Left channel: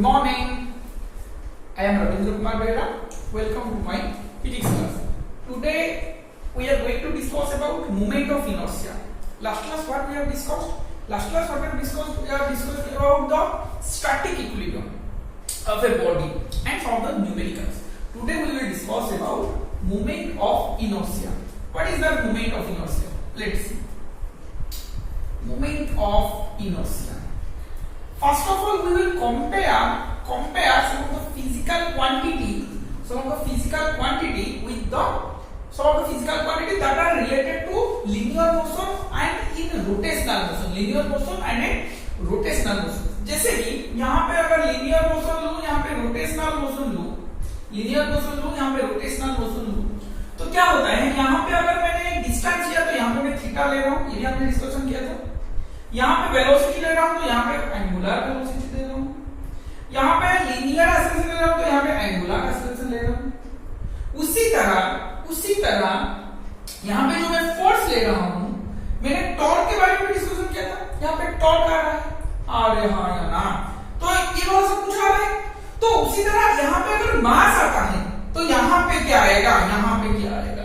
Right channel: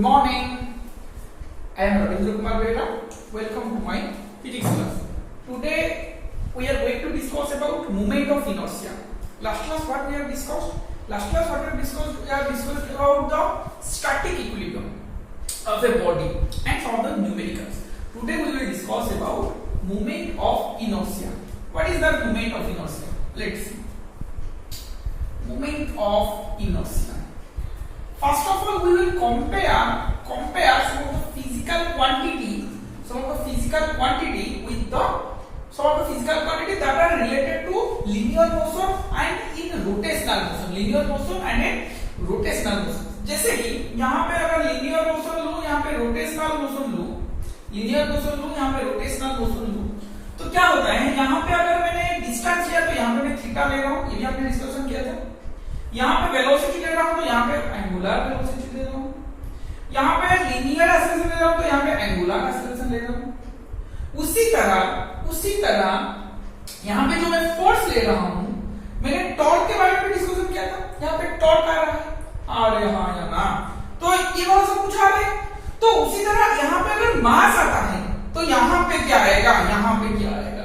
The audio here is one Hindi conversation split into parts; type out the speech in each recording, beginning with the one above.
Good morning. I am Ravindra Kumar Bera. Welcome to my physics class. Today we are going to discuss about moment of inertia. Last class what we have discussed? Last class what we have discussed about the static equilibrium of a body and some of the numericals. Today we will discuss about moment of inertia. What is the moment of inertia? Let's see. Moment of inertia. First of all, we will compare some of the physical quantity with some of the physical quantity that are related to linear motion and in rotational motion. Linear motion and in rotational motion. जैसे कि यहाँ पे अगर linear motion लूँ, यहाँ पे rotational motion लूँ, linear motion लूँ, यहाँ पे rotational motion लूँ, तो क्या होता है? यहाँ पे अगर मैंने डिस्टेंस लिया तो यहाँ पे मैं थीटा ले रहा हूँ, ये भी आपने डिस्कशन किया था। यहाँ पे वेलोसिटी ले रहा हूँ तो यहाँ पे एंगुलर वेलोसिटी ले रहा हूँ, यहाँ पे लीनियर एक्सेलरेशन ले रहा हूँ तो यहाँ पे एंगुलर एक्सेलरेशन ले रहा हूँ। उसी तरह यहाँ पे जो मैं फोर्स ले रहा हूँ, मैंने टॉर्क के बारे में डिस्कशन किया था। यहाँ पे टॉर्क आ रहा है, अरे हाँ या ना, तो ये वाला सब कुछ आ रहा है। तो उसी तरह यहाँ पे अगर मास आता है तो यहाँ पे क्या आएगा, यहाँ पे क्या आएगा।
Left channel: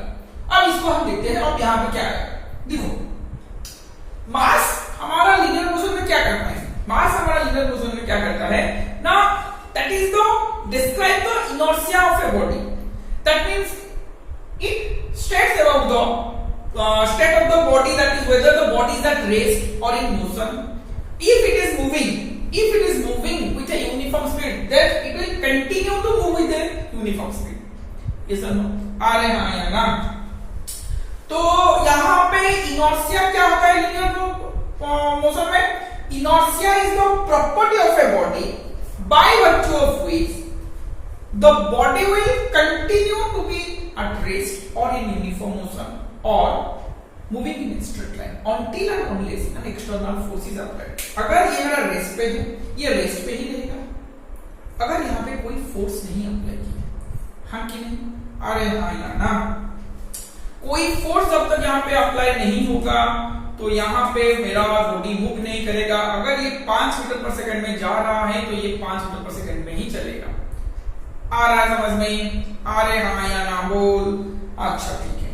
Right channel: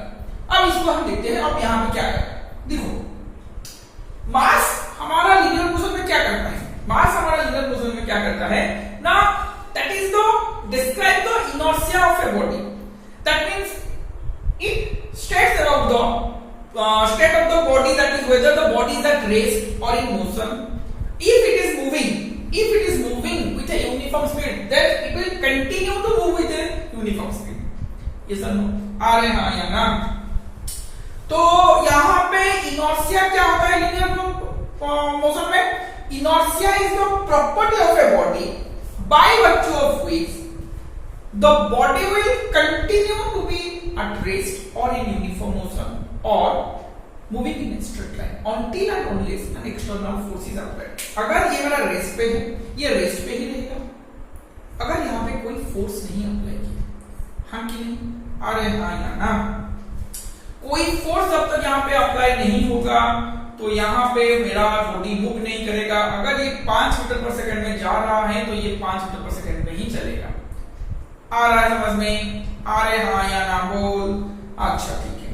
अब इसको हम देखते हैं। अब यहाँ पे क्या आएगा, देखो मास हमारा लीनियर मोशन में क्या करता है, मास हमारा लीनियर मोशन में क्या करता है ना, that is the describe the inertia of a body. That means it states about the state of the body, that is whether the body is at rest or in motion. If it is moving with a uniform speed, then it will continue to move with a uniform speed. Yes or no? आ रहे हैं या ना? तो यहाँ पे inertia क्या होता है लीनियर motion में? Inertia is the property of a body by virtue of which the body will continue to be at rest or in uniform motion or moving in a straight line until and unless an external force is applied. अगर ये मेरा रेस्ट पे है, ये रेस्ट पे ही रहेगा अगर यहाँ पे कोई फोर्स नहीं अप्लाई किया। हाँ कि नहीं? अरे हाँ या ना? कोई फोर्स जब तक यहाँ पे अप्लाई नहीं होगा तो यहाँ पे मेरा बॉडी मूव नहीं करेगा। अगर ये 5 मीटर पर सेकंड में जा रहा है तो ये 5 मीटर पर सेकंड में ही चलेगा। आ रहा है समझ में? आ रहे हाँ या ना बोल? अच्छा ठीक है।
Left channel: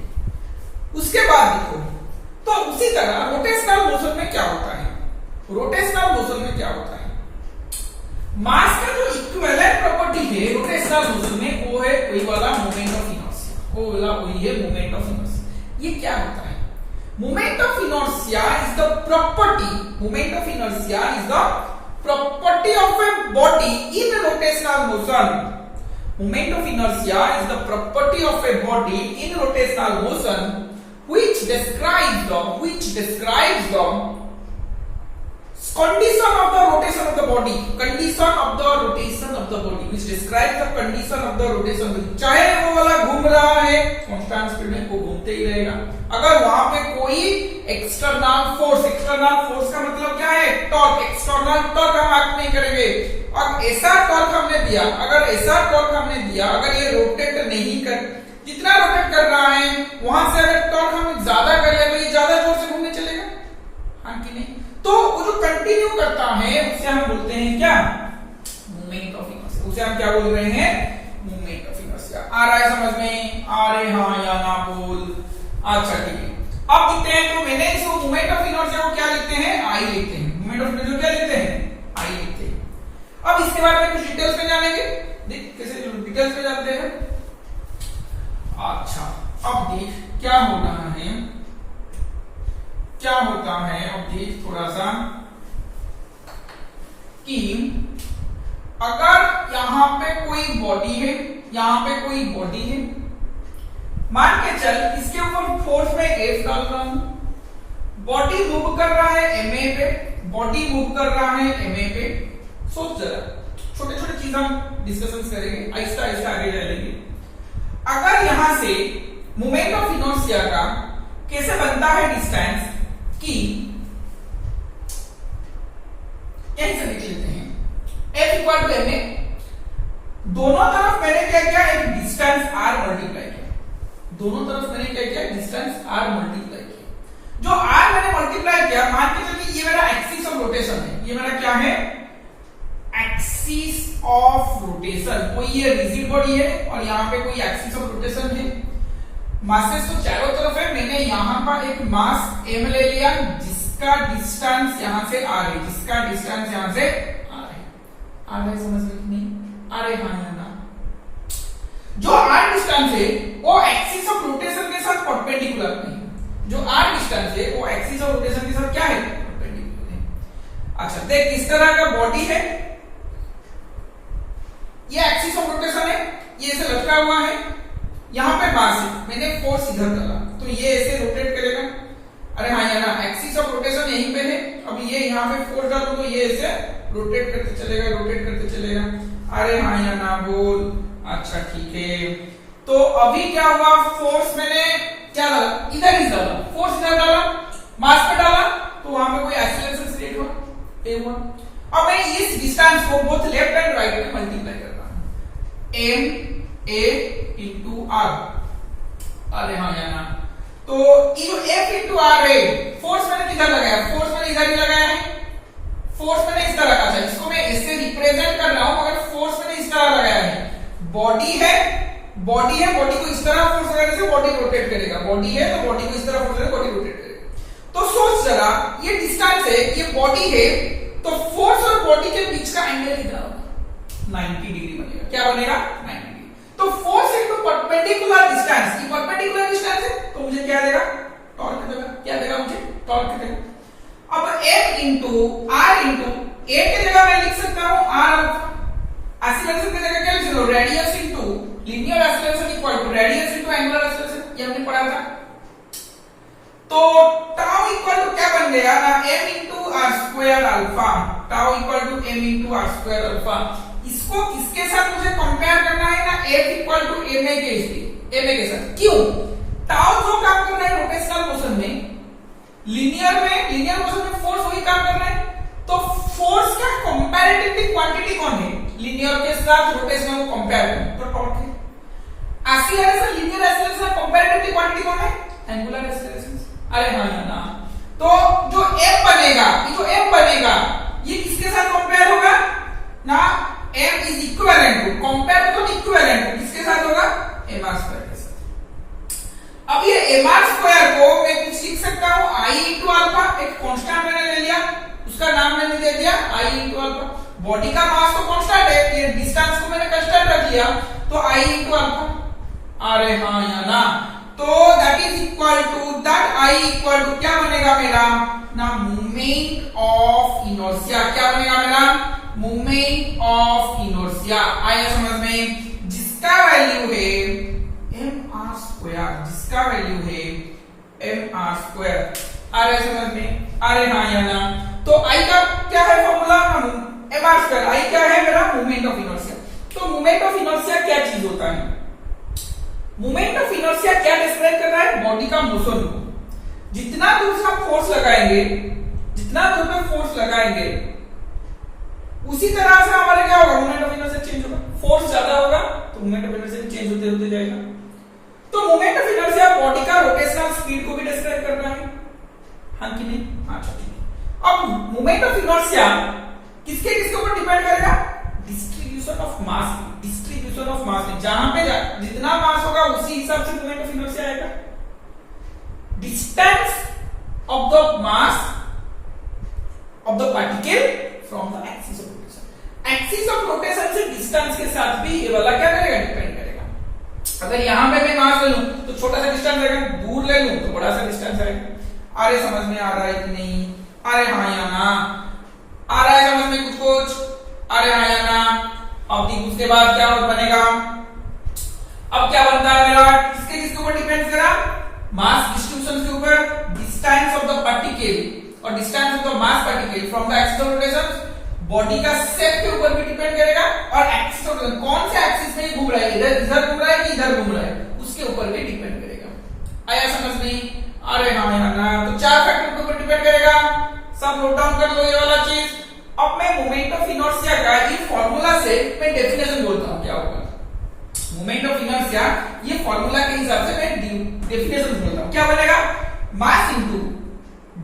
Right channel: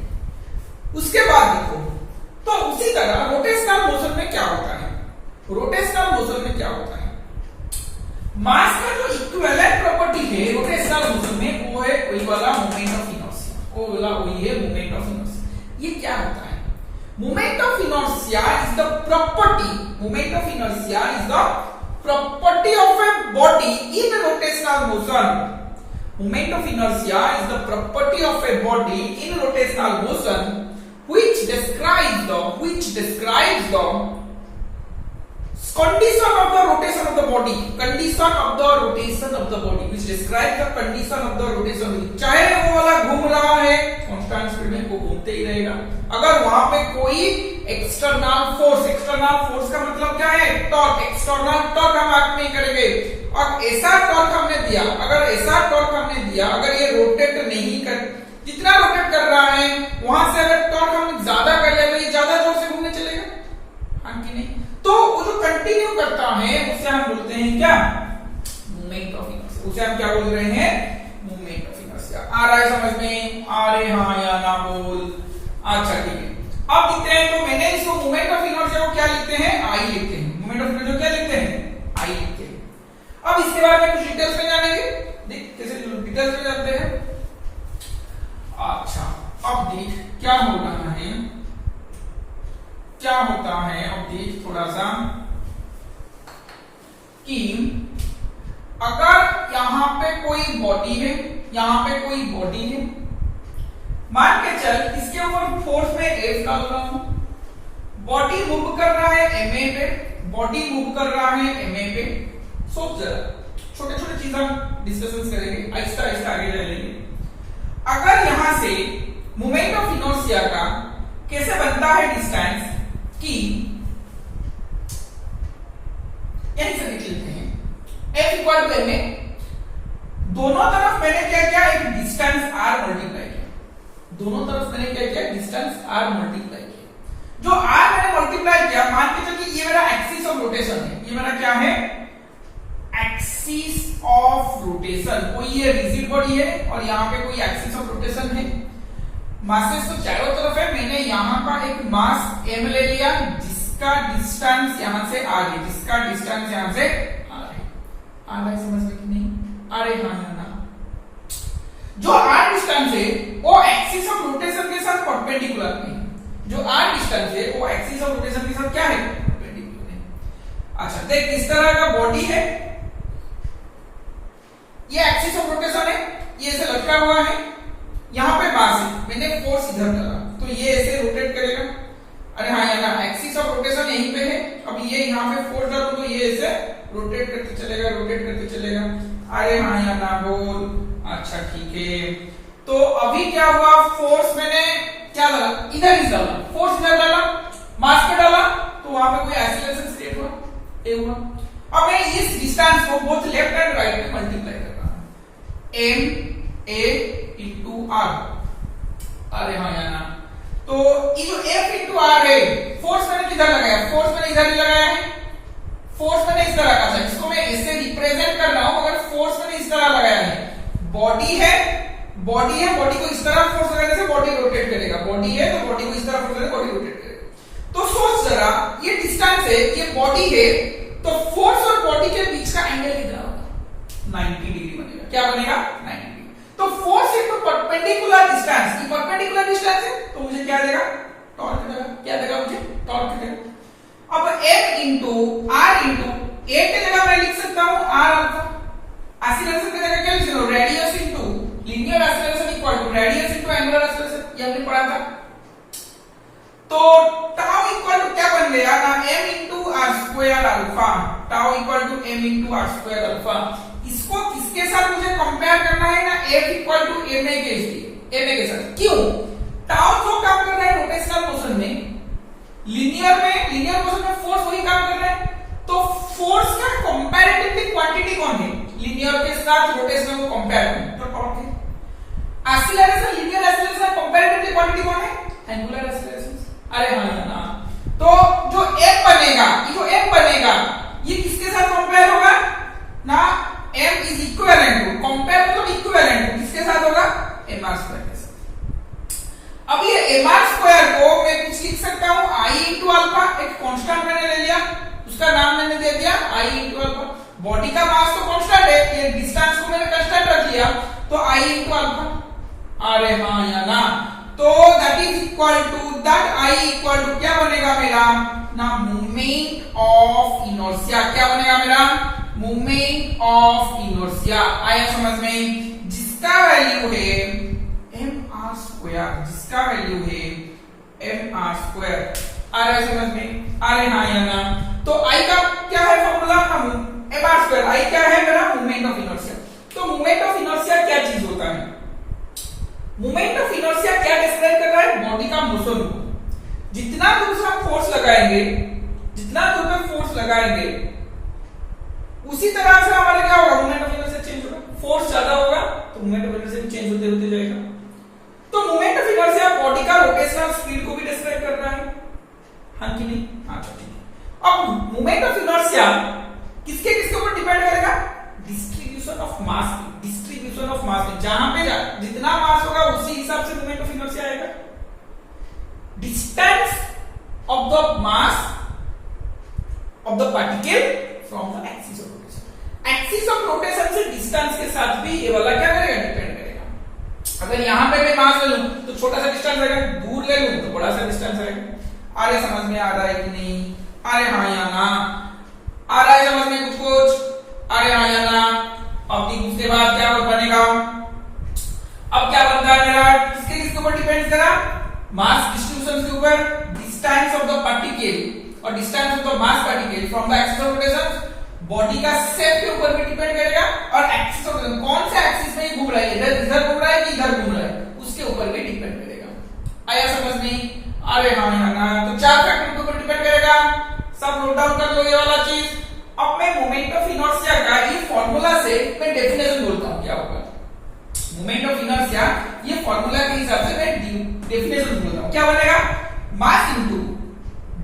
उसके बाद देखो, तो उसी तरह रोटेशनल मोशन में क्या होता है? रोटेशनल मोशन में क्या होता है? मास का जो इक्विवेलेंट प्रॉपर्टी है रोटेशनल मोशन में, वो है वही वाला मोमेंट ऑफ इनर्शिया। वही है मोमेंट ऑफ इनर्शिया। ये क्या होता है? Moment of inertia is the property. Moment of inertia is the property of a body in rotational motion. Moment of inertia is the property of a body in rotational motion, which describes the condition of the rotation of the body. Condition of the rotation of the body, which describes the condition of the rotation. चाहे वो वाला घूम रहा है कांस्टेंट स्पीड में, वो घूमते ही रहेगा। अगर वहां पे कोई एक्सटर्नल फोर्स का मतलब क्या है? टॉर्क। एक्सटर्नल टॉर्क हम एक्ट नहीं करेंगे। और ऐसा टॉर्क हमने दिया, अगर ये रोटेट नहीं कर, जितना रोटेट कर रहा है वहां से अगर टॉर्क हम ज्यादा कर ले तो ये ज्यादा जोर से घूमने चलेगा। हाँ कि नहीं? तो वो जो कंटिन्यू करता है उसे हम बोलते हैं क्या? Moment of inertia. उसे हम क्या बोल रहे हैं? Moment of inertia. आ रहा है समझ में? आ रहे हाँ या ना बोल? अच्छा ठीक है। अब लिखते हैं, तो मैंने इस मोमेंट ऑफ इनर्शिया को क्या लिखते हैं? आई लिखते हैं। मोमेंट ऑफ इनर्शिया क्या लिखते हैं? आई लिखते हैं। अब इसके बारे में कुछ डिटेल्स में जानेंगे। देख कैसे डिटेल्स में जानते हैं। अच्छा अब देख क्या हो रहा है, क्या होता है। अब देख थोड़ा सा कि अगर यहाँ पे कोई बॉडी है, मान के चल इसके ऊपर फोर्स में F डाल रहा हूं, बॉडी मूव कर रहा है MA पे, सोच जरा, छोटे छोटे चीज हम डिस्कशन करेंगे, आहिस्ता आहिस्ता आगे चलेंगे। अगर यहां से मोमेंट ऑफ इनर्शिया का कैसे बनता है डिस्टेंस कि यहीं से देख लेते हैं। F इक्वल टू MA, दोनों तरफ मैंने क्या किया? एक डिस्टेंस R मल्टीप्लाई किया। जो R मैंने मल्टीप्लाई किया, मान के चलिए ये मेरा एक्सिस ऑफ रोटेशन है। ये मेरा क्या है? एक्सिस ऑफ रोटेशन, कोई ये रिजिड बॉडी है और यहाँ पे कोई एक्सिस ऑफ रोटेशन है, मासेस तो चारों तरफ है, मैंने यहाँ का एक मास m ले लिया जिसका डिस्टेंस यहाँ से r है, जिसका डिस्टेंस यहाँ से r है, समझ में नहीं आ रहे? हाँ ना, जो r डिस्टेंस है वो एक्सिस ऑफ रोटेशन के साथ परपेंडिकुलर नहीं, जो r डिस्टेंस है वो एक्सिस ऑफ रोटेशन के साथ क्या है? परपेंडिकुलर है। अच्छा देख, इस तरह का बॉडी है, ये एक्सिस ऑफ रोटेशन है, ये ऐसे लटका हुआ है, यहाँ पे मास है, मैंने फोर्स इधर डाला तो ये ऐसे रोटेट करेगा। अरे हाँ या ना, एक्सिस ऑफ रोटेशन यहीं पे है, अब ये यहाँ पे फोर्स डालो तो ये ऐसे रोटेट करते चलेगा, रोटेट करते चलेगा। अरे हाँ या ना बोल? अच्छा ठीक है, तो अभी क्या हुआ, फोर्स मैंने क्या डाला, इधर ही डाला, फोर्स इधर डाला, मास पे डाला तो वहां पे कोई एक्सीलरेशन क्रिएट हुआ, ये हुआ। अब मैं इस डिस्टेंस को बोथ लेफ्ट एंड राइट में मल्टीप्लाई कर रहा हूं, m a इंटू r। अरे हाँ या ना, तो ये जो f इंटू r है, फोर्स मैंने किधर लगाया, फोर्स मैंने इधर ही लगाया है, फोर्स मैंने इस तरह का था, इसको मैं इससे रिप्रेजेंट कर रहा हूं, मगर फोर्स मैंने इस तरह लगाया है। बॉडी है, बॉडी है, बॉडी को इस तरह फोर्स लगाने से बॉडी रोटेट करेगा, बॉडी है तो बॉडी को इस तरह फोर्स लगाने से बॉडी रोटेट करेगा। तो सोच जरा, ये डिस्टेंस है, ये बॉडी है, तो फोर्स और बॉडी के बीच का एंगल कितना होगा? 90 डिग्री बनेगा। क्या बनेगा? 90 डिग्री। तो फोर्स इनटू परपेंडिकुलर डिस्टेंस, ये परपेंडिकुलर डिस्टेंस है तो मुझे क्या देगा? टॉर्क देगा। क्या देगा मुझे? टॉर्क देगा। अब m into r into a के जगह मैं लिख सकता हूं r अल्फा, एक्सीलरेशन की जगह क्या लिख सकता हूं? Radius into linear acceleration equal to radius into angular acceleration, ये हमने पढ़ा था। तो टाउ इक्वल टू क्या बन गया ना, m into R square alpha, tau equal to m into R square alpha. इसको किसके साथ मुझे कंपेयर करना है ना, f इक्वल टू ma के साथ। क्यों? टाउ जो काम कर रहा है रोटेशनल मोशन में, लीनियर मोशन में फोर्स वही काम कर रहा है, तो फोर्स का कंपैरेटिवली क्वांटिटी कौन है? लीनियर के साथ रोटेशनल कंपेयर करें तो टॉर्क है। एक्सीलरेशन, लीनियर एक्सीलरेशन का कंपैरेटिवली क्वांटिटी कौन है? Angular acceleration. अरे हाँ ना, तो जो m बनेगा, ये जो m बनेगा ये किसके साथ कंपेयर होगा ना, m is equivalent to, compare मतलब इक्विवेलेंट टू किसके साथ होगा? mr स्क्वायर के साथ। अब ये mr स्क्वायर को मैं कुछ लिख सकता हूं i इंटू अल्फा, एक कांस्टेंट मैंने ले लिया, उसका नाम मैंने दे दिया i इंटू अल्फा। बॉडी का मास तो कांस्टेंट है, ये डिस्टेंस को मैंने कांस्टेंट रख लिया तो i इंटू अल्फा। अरे हाँ या ना, तो that is equal to that i equal to क्या बनेगा मेरा ना, मोमेंट ऑफ इनर्शिया। क्या बनेगा मेरा? Moment of inertia. आया समझ में? जिसका वैल्यू है mr स्क्वायर, जिसका वैल्यू है mr स्क्वायर। आ रहा है समझ में? अरे हाँ या ना, तो i का क्या है फॉर्मूला? mr square. i क्या है मेरा? Moment of inertia. तो मोमेंट ऑफ इनर्शिया क्या चीज होता है? मोमेंट ऑफ इनर्शिया क्या डिस्क्राइब कर रहा है? बॉडी का मोशन को। जितना दूर से हम फोर्स लगाएंगे, जितना दूर पे फोर्स लगाएंगे उसी तरह से हमारे क्या होगा? मोमेंट ऑफ इनर्शिया चेंज होगा। फोर्स ज्यादा होगा तो मोमेंट ऑफ इनर्शिया चेंज होते होते जाएगा। तो मोमेंट ऑफ इनर्शिया बॉडी का रोटेशनल स्पीड को भी डिस्क्राइब कर रहा है, हाँ कि नहीं? अच्छा ठीक है। अब मोमेंट ऑफ इनर्शिया किसके किसके ऊपर डिपेंड करेगा? Distribution of mass, distribution of mass. जहां पे जितना मास होगा उसी हिसाब से मोमेंट ऑफ इनर्शिया आएगा। Distance of the mass of the particle from the axis of rotation. Axis of rotation से डिस्टेंस के साथ भी ये वाला क्या करेगा? डिपेंड करेगा। अगर यहां पे मैं मास ले लूं तो छोटा सा डिस्टेंस आएगा, दूर ले लूं तो बड़ा सा डिस्टेंस आएगा। अरे समझ में आ रहा है कि नहीं? अरे हाँ या ना? आ रहा है समझ में कुछ कुछ? अरे हाँ या ना? अब उसके बाद क्या बनेगा? अब क्या बनता है मेरा? किसके किसके ऊपर डिपेंड करा? मास डिस्ट्रीब्यूशन के ऊपर, डिस्टेंस ऑफ द पार्टिकल और distance of the mass particle from the axis of rotation, body का शेप के ऊपर भी डिपेंड करेगा, और एक्सिस ऑफ रोटेशन कौन से एक्सिस में घूम रहा है, इधर घूम रहा है कि इधर घूम रहा है, उसके ऊपर भी डिपेंड करेगा। आया समझ में? अरे हाँ ना, तो 4 फैक्टर के ऊपर डिपेंड करेगा। सब नोट डाउन कर लो ये वाला चीज। अब मैं मोमेंट ऑफ इनर्शिया का ये फॉर्मूला से मैं डेफिनेशन बोलता हूं क्या होगा। मोमेंट ऑफ इनर्शिया ये फॉर्मूला के हिसाब से मैं डेफिनेशन बोलता हूं। क्या बनेगा? मास इनटू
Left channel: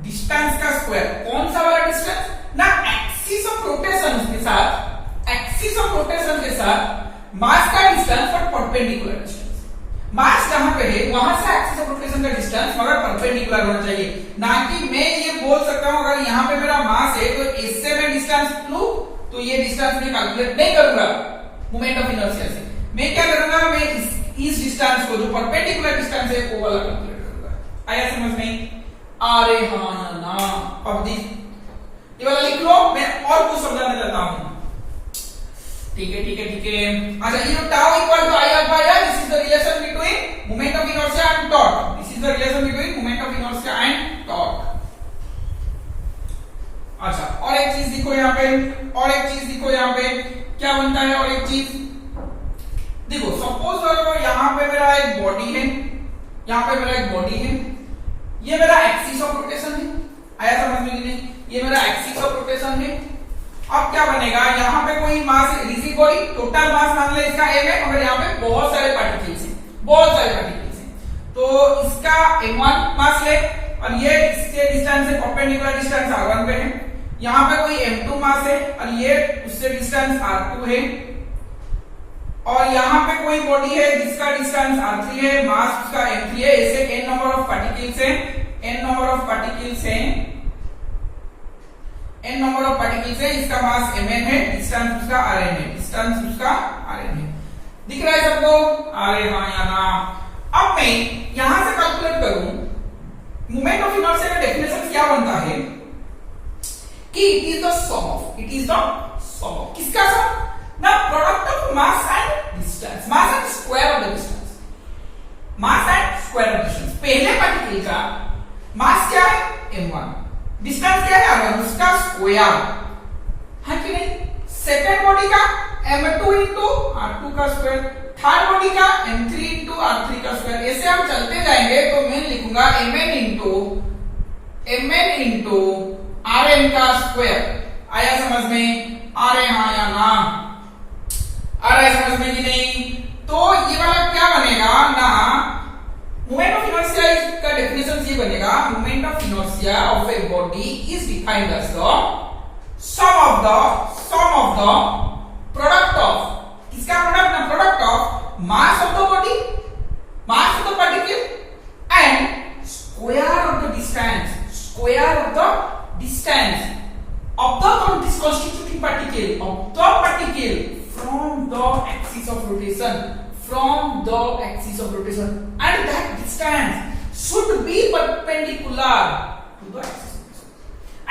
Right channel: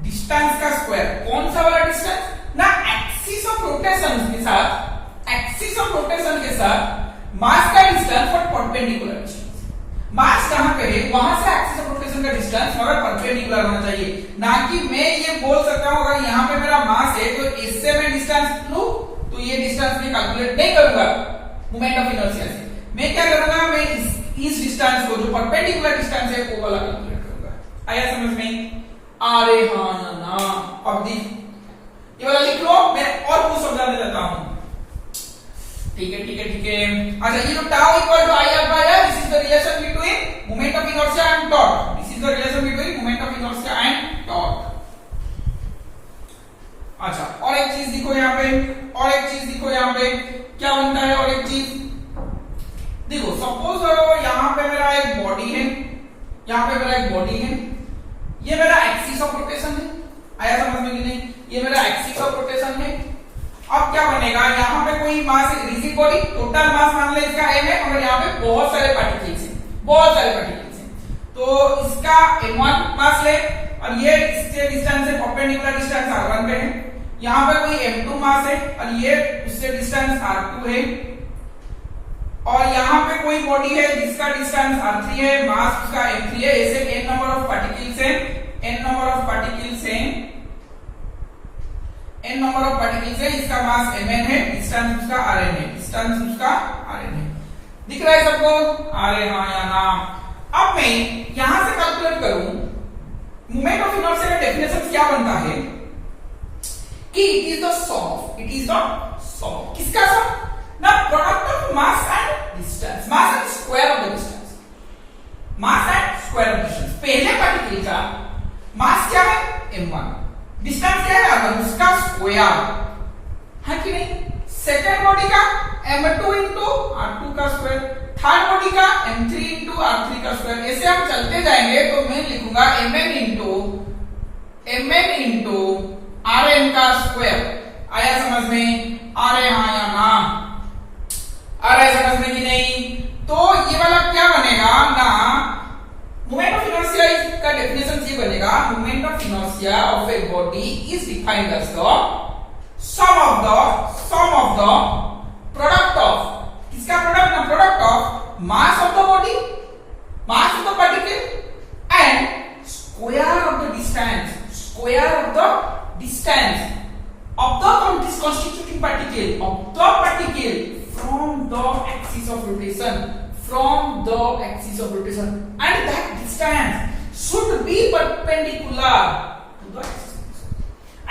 डिस्टेंस का स्क्वायर। कौन सा वाला डिस्टेंस ना? एक्सिस ऑफ रोटेशन के साथ, एक्सिस ऑफ रोटेशन के साथ मास का डिस्टेंस और परपेंडिकुलर डिस्टेंस। मास जहां पे है वहां से एक्सिस ऑफ रोटेशन का डिस्टेंस मगर परपेंडिकुलर होना चाहिए, ना कि मैं ये बोल सकता हूं अगर यहाँ पे मेरा मास है तो इससे मैं डिस्टेंस लूं तो ये डिस्टेंस मैं कैलकुलेट नहीं करूंगा मोमेंट ऑफ इनर्शिया से। मैं क्या करूंगा, मैं इस डिस्टेंस को जो परपेंडिकुलर डिस्टेंस है वो वाला कैलकुलेट करूंगा। आया समझ में? अरे हाँ या ना? अब ये वाला लिख लो, मैं और कुछ समझाने जाता हूं। ठीक है ठीक है ठीक है। अच्छा, ये tau equal to I R by R, this is the relation between moment of inertia and torque. This is the relation between moment of inertia and torque. अच्छा, और एक चीज देखो यहाँ पे, और एक चीज देखो यहाँ पे क्या बनता है। और एक चीज देखो, सपोज अगर यहाँ पे मेरा एक बॉडी है, यहाँ पे मेरा एक बॉडी है, ये मेरा एक्सिस ऑफ रोटेशन है। आया समझ में कि नहीं? ये मेरा एक्सिस ऑफ रोटेशन है। अब क्या बनेगा, यहाँ पे कोई मास रिजिड बॉडी, टोटल मास मान ले इसका m है, मगर यहाँ पे बहुत सारे पार्टिकल्स हैं, बहुत सारे पार्टिकल्स हैं, तो इसका m1 मास ले और ये इससे डिस्टेंस है परपेंडिकुलर डिस्टेंस r1 पे है। यहाँ पे कोई m2 मास है और ये उससे डिस्टेंस r2 है, और यहाँ पे कोई बॉडी है जिसका डिस्टेंस r3 है, मास उसका m3 है। ऐसे n नंबर ऑफ पार्टिकल्स हैं, n नंबर ऑफ पार्टिकल्स हैं, n नंबर ऑफ पार्टिकल्स है, इसका मास mn है, डिस्टेंस उसका rn है, डिस्टेंस उसका rn है। दिख रहा है सबको? अरे हाँ या ना? अब मैं यहां से कैलकुलेट करूं मोमेंट ऑफ इनर्शिया का डेफिनेशन क्या बनता है कि इट इज द सम, किसका सम? ना product of mass and distance, mass and square of the distance, mass and square of distance. पहले पार्टिकल का मास क्या है? m1, डिस्टेंस क्या है? r1, उसका स्क्वायर है कि नहीं? सेकंड बॉडी का m2 इंटू r2 का स्क्वायर, थर्ड बॉडी का m3 इंटू r3 का स्क्वायर। ऐसे हम चलते जाएंगे तो मैं लिखूंगा mn इंटू rn का स्क्वायर। आया समझ में? अरे हाँ या ना? अरे समझ में कि नहीं? तो ये वाला क्या बनेगा ना, मोमेंट ऑफ इनर्शिया का डेफिनेशन ये बनेगा, moment of inertia of a body is defined as the sum of the product of, किसका प्रोडक्ट? ना product of mass of the body, mass of the particle and square of the distance of the constituting particle from the axis of rotation, and that distance should be perpendicular to the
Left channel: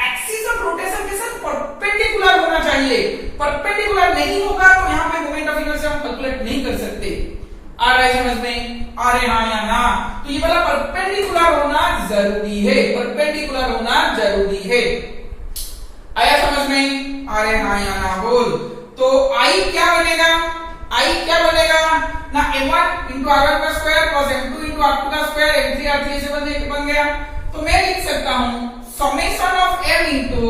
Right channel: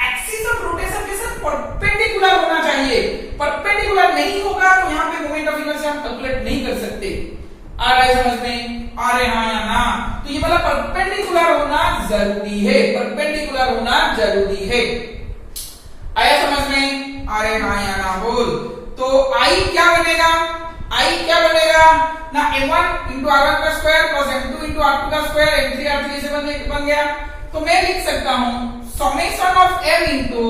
axis of rotation के साथ परपेंडिकुलर होना चाहिए। परपेंडिकुलर नहीं होगा तो यहाँ पे मोमेंट ऑफ इनर्शिया हम कैलकुलेट नहीं कर सकते। आ रहा है समझ में? अरे हाँ या ना? तो ये वाला परपेंडिकुलर होना जरूरी है, परपेंडिकुलर होना जरूरी है। आया समझ में? अरे हाँ या ना बोल। तो आई क्या बनेगा? आई क्या बनेगा ना, m1 इंटू r1 का square plus m2 into r2 का स्क्वायर, m3 r3 से बन गया। तो मैं लिख सकता हूं summation of m into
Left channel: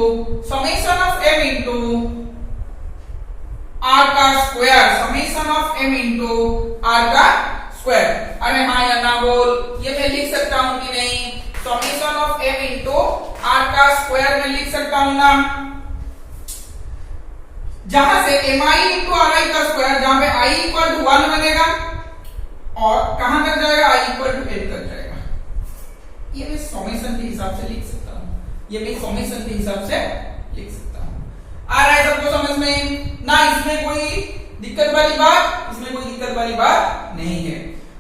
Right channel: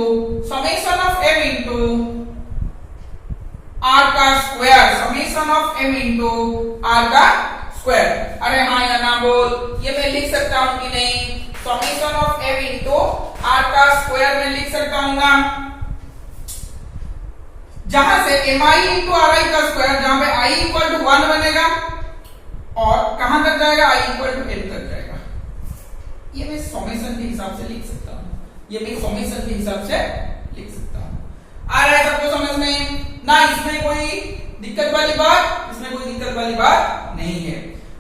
r का square, summation of m into r का स्क्वायर। अरे हाँ या ना बोल? ये मैं लिख सकता हूं कि नहीं? Summation of m into r का स्क्वायर में लिख सकता हूं ना, जहां से mi इंटू ri का स्क्वायर, जहां पे i इक्वल टू 1 बनेगा और कहां तक जाएगा? i इक्वल टू n तक जाएगा। ये मैं समेशन के हिसाब से लिख सकता हूं, ये मैं समेशन के हिसाब से लिख सकता हूं। आ रहा है सबको समझ में ना? इसमें कोई दिक्कत वाली बात, इसमें कोई दिक्कत वाली बात नहीं है।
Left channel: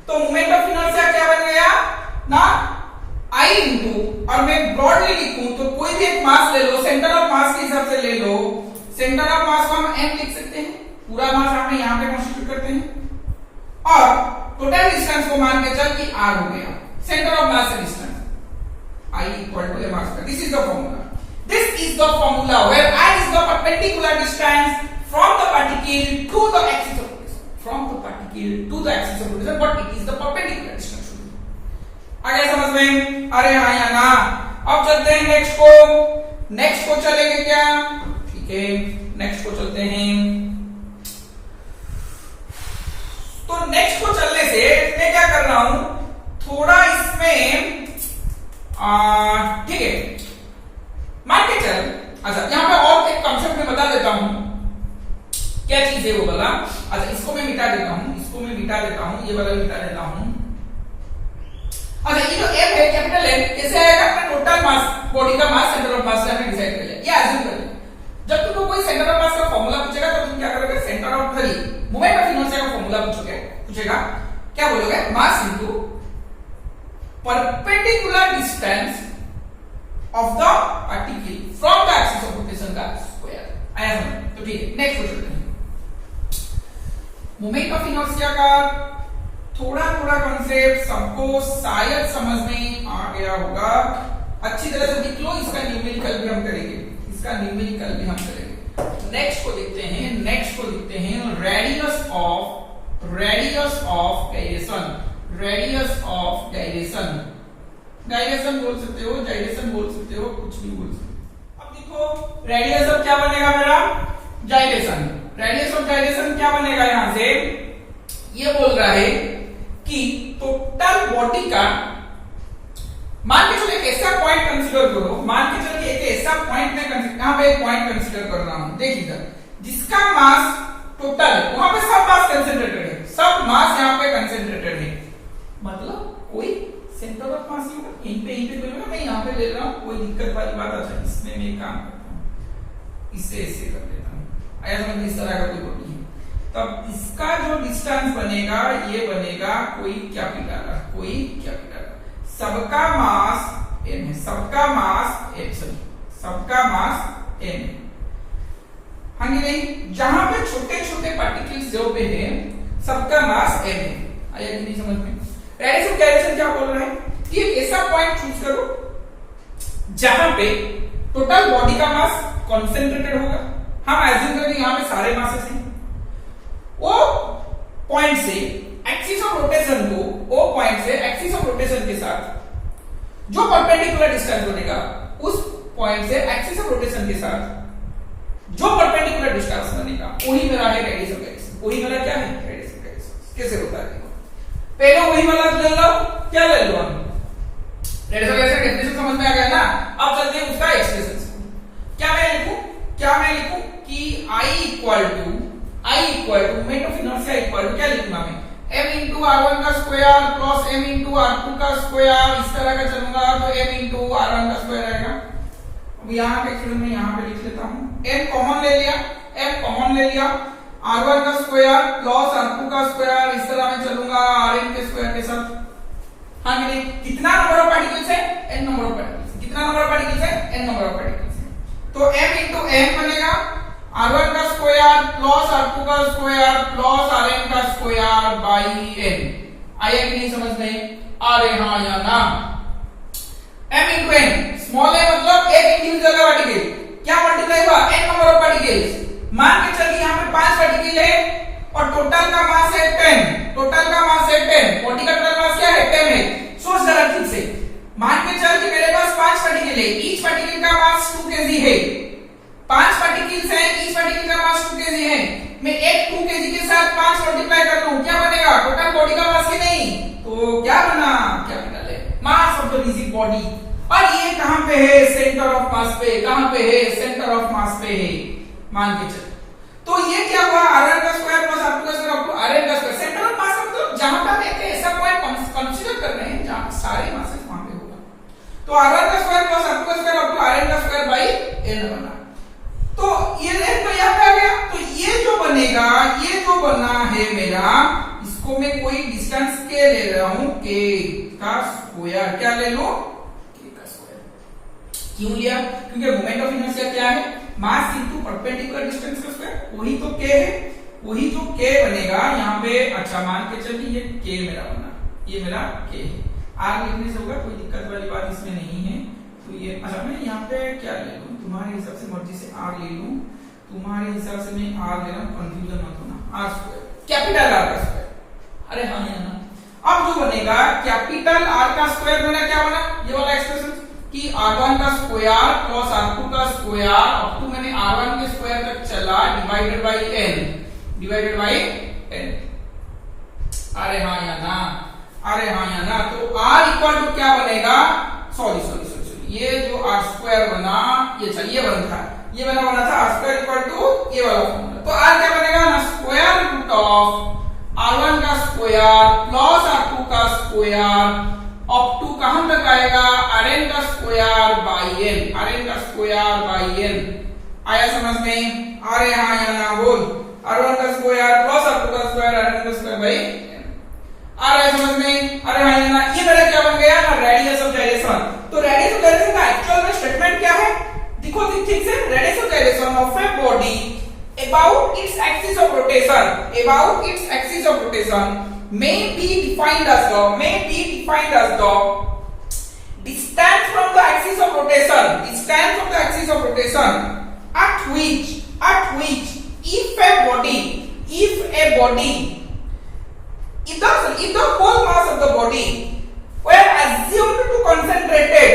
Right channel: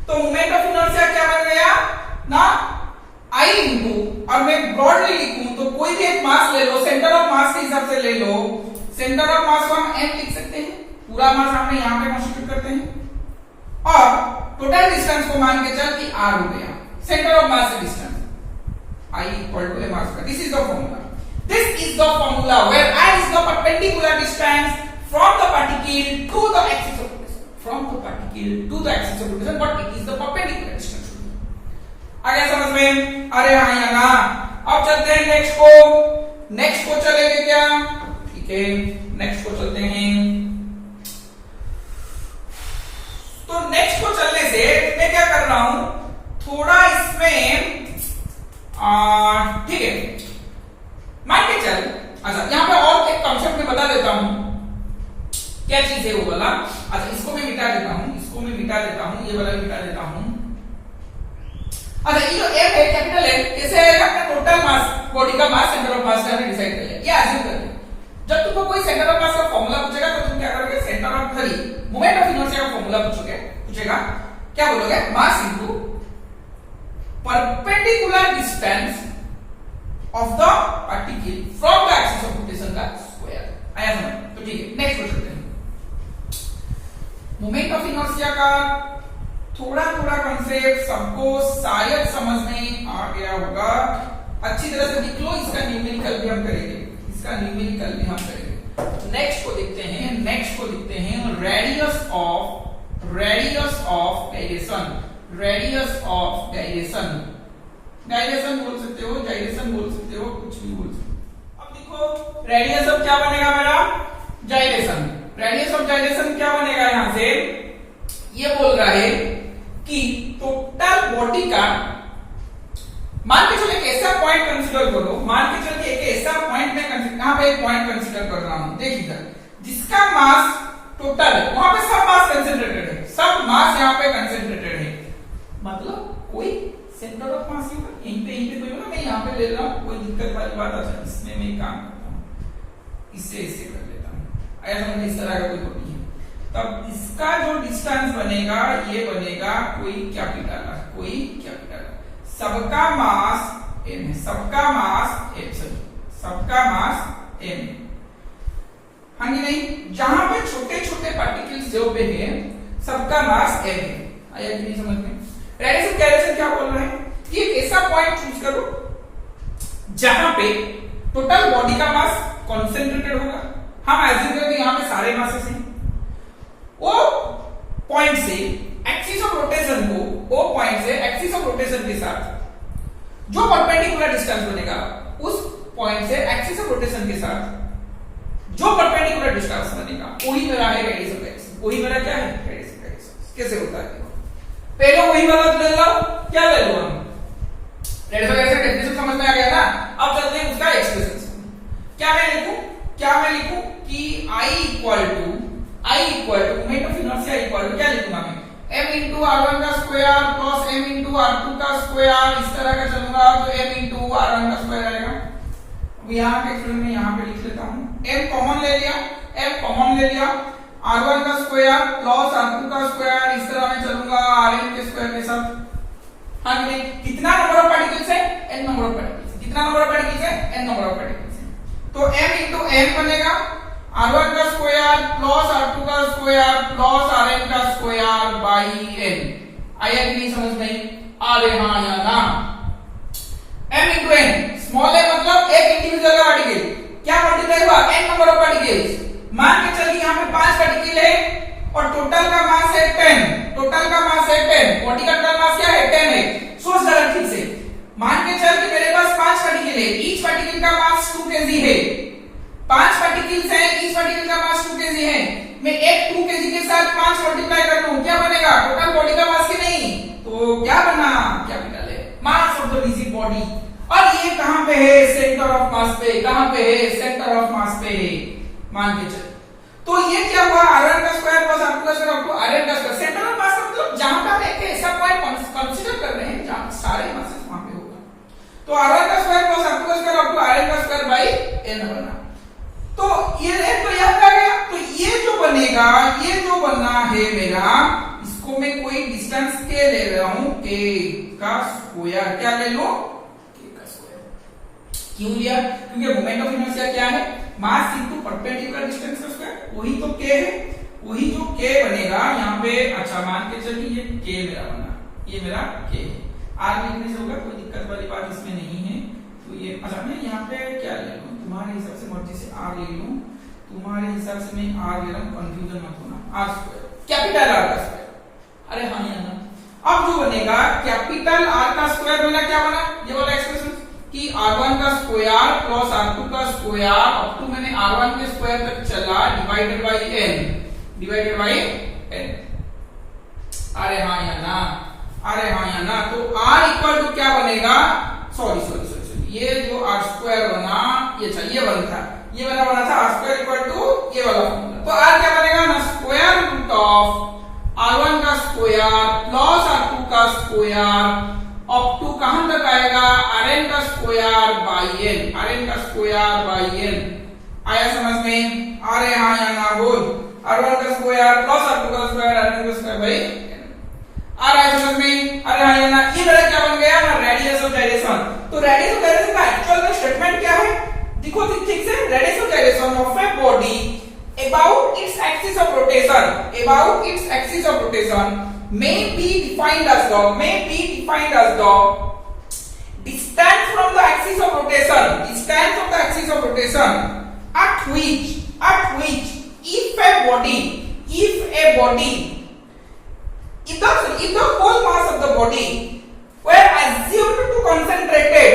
तो मोमेंट ऑफ इनर्शिया क्या बन गया ना, I इंटू, और मैं ब्रॉडली लिखूं तो कोई भी एक मास ले लो, सेंटर ऑफ मास के हिसाब से ले लो, सेंटर ऑफ मास को हम m लिख सकते हैं, पूरा मास हम यहाँ पे कॉन्स्टिट्यूट करते हैं, और टोटल डिस्टेंस को मान के चल कि r हो गया, सेंटर ऑफ मास से distance I equal to m r square. This is the formula, this is the formula where I is the perpendicular distance from the particle to the axis of rotation, from the particle to the axis of rotation, but it is the perpendicular distance। आ गया समझ में? अरे हाँ या ना? अब चलते हैं नेक्स्ट को चलेंगे क्या? ठीक है, नेक्स्ट को चलते हैं। तो नेक्स्ट को चलने से मैं क्या कर रहा हूं, थोड़ा इसमें ठीक है, मान के चल। अच्छा, यहां पे और एक कॉन्सेप्ट में बता देता हूं, क्या चीज है वो वाला। अच्छा इसको मैं मिटा देता हूं, इसको मैं मिटा देता हूं, ये वाला भी मिटा देता हूं। अच्छा ये जो m है कैपिटल M कैसे आएगा, अपना टोटल मास, बॉडी का मास, सेंटर ऑफ मास से हमने डिसाइड कर लिया। ये एज्यूम कर लिया। जब तुमको कोई सेंटर ऑफ मास का फार्मूला पूछेगा तो तुम क्या करोगे, centre of moment of inertia का फार्मूला पूछेगा क्या बोलोगे, mass into perpendicular distance of the particle from the axis of rotation का स्क्वायर। आया समझ? तो ठीक है, नेक्स्ट क्वेश्चन चलते हैं। मोमेंट ऑफ इनर्शिया का थोड़ा थोड़ा कंसेप्ट सबको शायद समझ में आ गया होगा, अच्छी तरह से लिख लो। इसका न्यूमेरिकल भी हम करेंगे, इसका न्यूमेरिकल भी हम करेंगे। नेक्स्ट को देखते हैं, नेक्स्ट को देखते हैं radius of gyration, radius of gyration, gyration बोल सकते हो, जाइरेशन बोल सकते हो, कुछ भी बोल सकते हो। अब देखो रेडियस ऑफ क्या बनेगा मेरा, जाइरेशन। रेडियस ऑफ जाइरेशन क्या बनेगा, यहां से ये बोल रहा है कि टोटल बॉडी का, मान के चलो एक ऐसा पॉइंट कंसीडर करो, मान के चलो एक ऐसा पॉइंट में यहां पे एक पॉइंट कंसीडर कर रहा हूं, देख इधर, जिसका मास टोटल है, वहां पे सब मास कंसेंट्रेटेड है, सब मास यहां पे कंसेंट्रेटेड है, मतलब कोई सेंटर ऑफ मास ही होगा, यहीं पे कोई होगा। मैं यहां पे ले रहा हूं, कोई दिक्कत वाली बात है इसमें, मैं काम करता हूं, इससे ऐसे कर लेता हूं, आया समझ में, इस तरह का कोई बॉडी है, तब इसका जो डिस्टेंस बनेगा ये बनेगा कोई कैपिटल, कोई कैपिटल, सबका मास m है, सबका मास m, सॉरी सबका मास m है, हाँ कि नहीं। जहां पे छोटे छोटे पार्टिकल्स जो पे है सबका मास m है, आया कि नहीं समझ में। रेडियस ऑफ गायरेशन क्या बोल रहा है कि एक ऐसा पॉइंट चूज करो जहां पे टोटल बॉडी का मास कॉन्सेंट्रेटेड होगा, हम एज्यूम करते हैं यहां पे सारे मासेस हैं, वो पॉइंट से एक्सिस ऑफ रोटेशन को, वो पॉइंट से एक्सिस ऑफ रोटेशन के साथ जो परपेंडिकुलर डिस्टेंस बनेगा, उस पॉइंट से एक्सिस ऑफ रोटेशन के साथ जो परपेंडिकुलर डिस्टेंस बनेगा वही मेरा है रेडियस ऑफ गायरेशन, वही मेरा क्या है रेडियस ऑफ गायरेशन। कैसे होता है, पहले वही वाला ले लो, क्या ले लो हम, रेडियस ऑफ गायरेशन डेफिनेशन समझ में आ गया ना। अब चलते हैं उसका एक्सप्रेशन, क्या मैं लिखूं कि I equal to moment of inertia equal to क्या लिखूंगा मैं, m इंटू r1 का square plus m into r2 का स्क्वायर, इस तरह का चलूंगा तो m इंटू r1 का स्क्वायर आएगा। अब यहाँ पे एक्सप्रेशन में यहाँ पे लिख लेता हूँ, m कॉमन ले लिया, r1 का स्क्वायर प्लस r2 का स्क्वायर, इस तरह मैं चलूंगा rn के स्क्वायर के साथ, हाँ कि नहीं। कितना नंबर ऑफ पार्टिकल्स है, n नंबर ऑफ पार्टिकल्स, कितना नंबर ऑफ पार्टिकल्स है, n नंबर ऑफ पार्टिकल्स है, तो m इंटू m बनेगा r1 का स्क्वायर प्लस r2 का स्क्वायर प्लस rn का स्क्वायर बाई n। आया कि नहीं समझ में, अरे हाँ या ना। m इंटू n, स्मॉल है मतलब एक इंडिविजुअल का पार्टिकल, क्या मल्टीप्लाई हुआ, n नंबर ऑफ पार्टिकल्स। मान के चलिए यहाँ पे 5 पार्टिकल है और टोटल का मास है 10, टोटल का मास है 10, बॉडी का टोटल मास क्या है 10 है। सोच जरा ठीक से, मान के चल कि मेरे पास 5 पार्टिकल है, ईच पार्टिकल का मास 2 kg है, 5 पार्टिकल्स हैं, ईच पार्टिकल का मास 2 kg है, मैं एक 2 kg के साथ 5 मल्टीप्लाई कर लूं, क्या बनेगा, टोटल बॉडी का मास की नहीं, तो क्या बना, कैपिटल है, मास ऑफ द रिजिड बॉडी। और ये कहां पे है, सेंटर ऑफ मास पे, कहां पे है, सेंटर ऑफ मास पे है, मान के चल। तो ये क्या हुआ, r1 का स्क्वायर प्लस r2 का स्क्वायर अप टू rn का स्क्वायर, सेंटर ऑफ मास मतलब जहां पे हम एक ऐसा पॉइंट कंसीडर कर रहे हैं जहां सारे मासेस वहां पे होगा, तो r1 का स्क्वायर प्लस r2 का स्क्वायर अप टू rn का स्क्वायर बाई n बना। तो ये तो याद आ गया, तो ये जो बनेगा, ये जो बना है मेरा, इसको मैं कोई डिस्टेंस के ले रहा हूं, k का स्क्वायर, क्या ले लो, k का स्क्वायर। क्यों लिया, क्योंकि मोमेंट ऑफ इनर्शिया क्या है, मास इनटू परपेंडिकुलर डिस्टेंस का स्क्वायर, वही तो k है, वही जो k बनेगा यहाँ पे। अच्छा मान के चलिए ये k मेरा बना, ये मेरा k है, r लिखने से होगा, कोई दिक्कत वाली बात इसमें नहीं है। तो ये अच्छा मैं यहाँ पे क्या ले लूं, तुम्हारे हिसाब से मर्जी से r ले लूं, तुम्हारे हिसाब से मैं r ले रहा हूं, कंफ्यूजन मत होना, r स्क्वायर कैपिटल r का स्क्वायर, अरे हाँ या ना। अब जो बनेगा कैपिटल r का स्क्वायर बना, क्या बना, ये वाला एक्सप्रेशन कि r1 का स्क्वायर प्लस r2 का स्क्वायर अप टू मैंने r1 के स्क्वायर तक चला डिवाइडेड बाई n। अरे हाँ या ना, अरे हाँ या ना। तो r इक्वल टू क्या बनेगा, सॉरी ये जो r स्क्वायर बना, ये बना था r स्क्वायर इक्वल टू ये वाला फॉर्मूला तो r क्या बनेगा ना, स्क्वायर रूट ऑफ r1 का स्क्वायर प्लस r2 का स्क्वायर अप टू कहां तक आएगा, rn का स्क्वायर बाई n, rn का स्क्वायर बाई n। आया समझ में, आ रहे हाँ या ना बोल, r1 का स्क्वायर प्लस r2 का स्क्वायर rn का स्क्वायर बाई n। आ रहा है समझ में, अरे हाँ या ना। ये मेरा क्या बन गया ना, रेडियस ऑफ गायरेशन। तो रेडियस ऑफ गायरेशन का एक्चुअल में स्टेटमेंट क्या है, देखो ठीक से, radius of gyration of a body about its axis of rotation, about its axis of rotation may be defined as the distance from the axis of rotation, distance from the axis of rotation at which if the whole mass of the body were assumed to concentrated,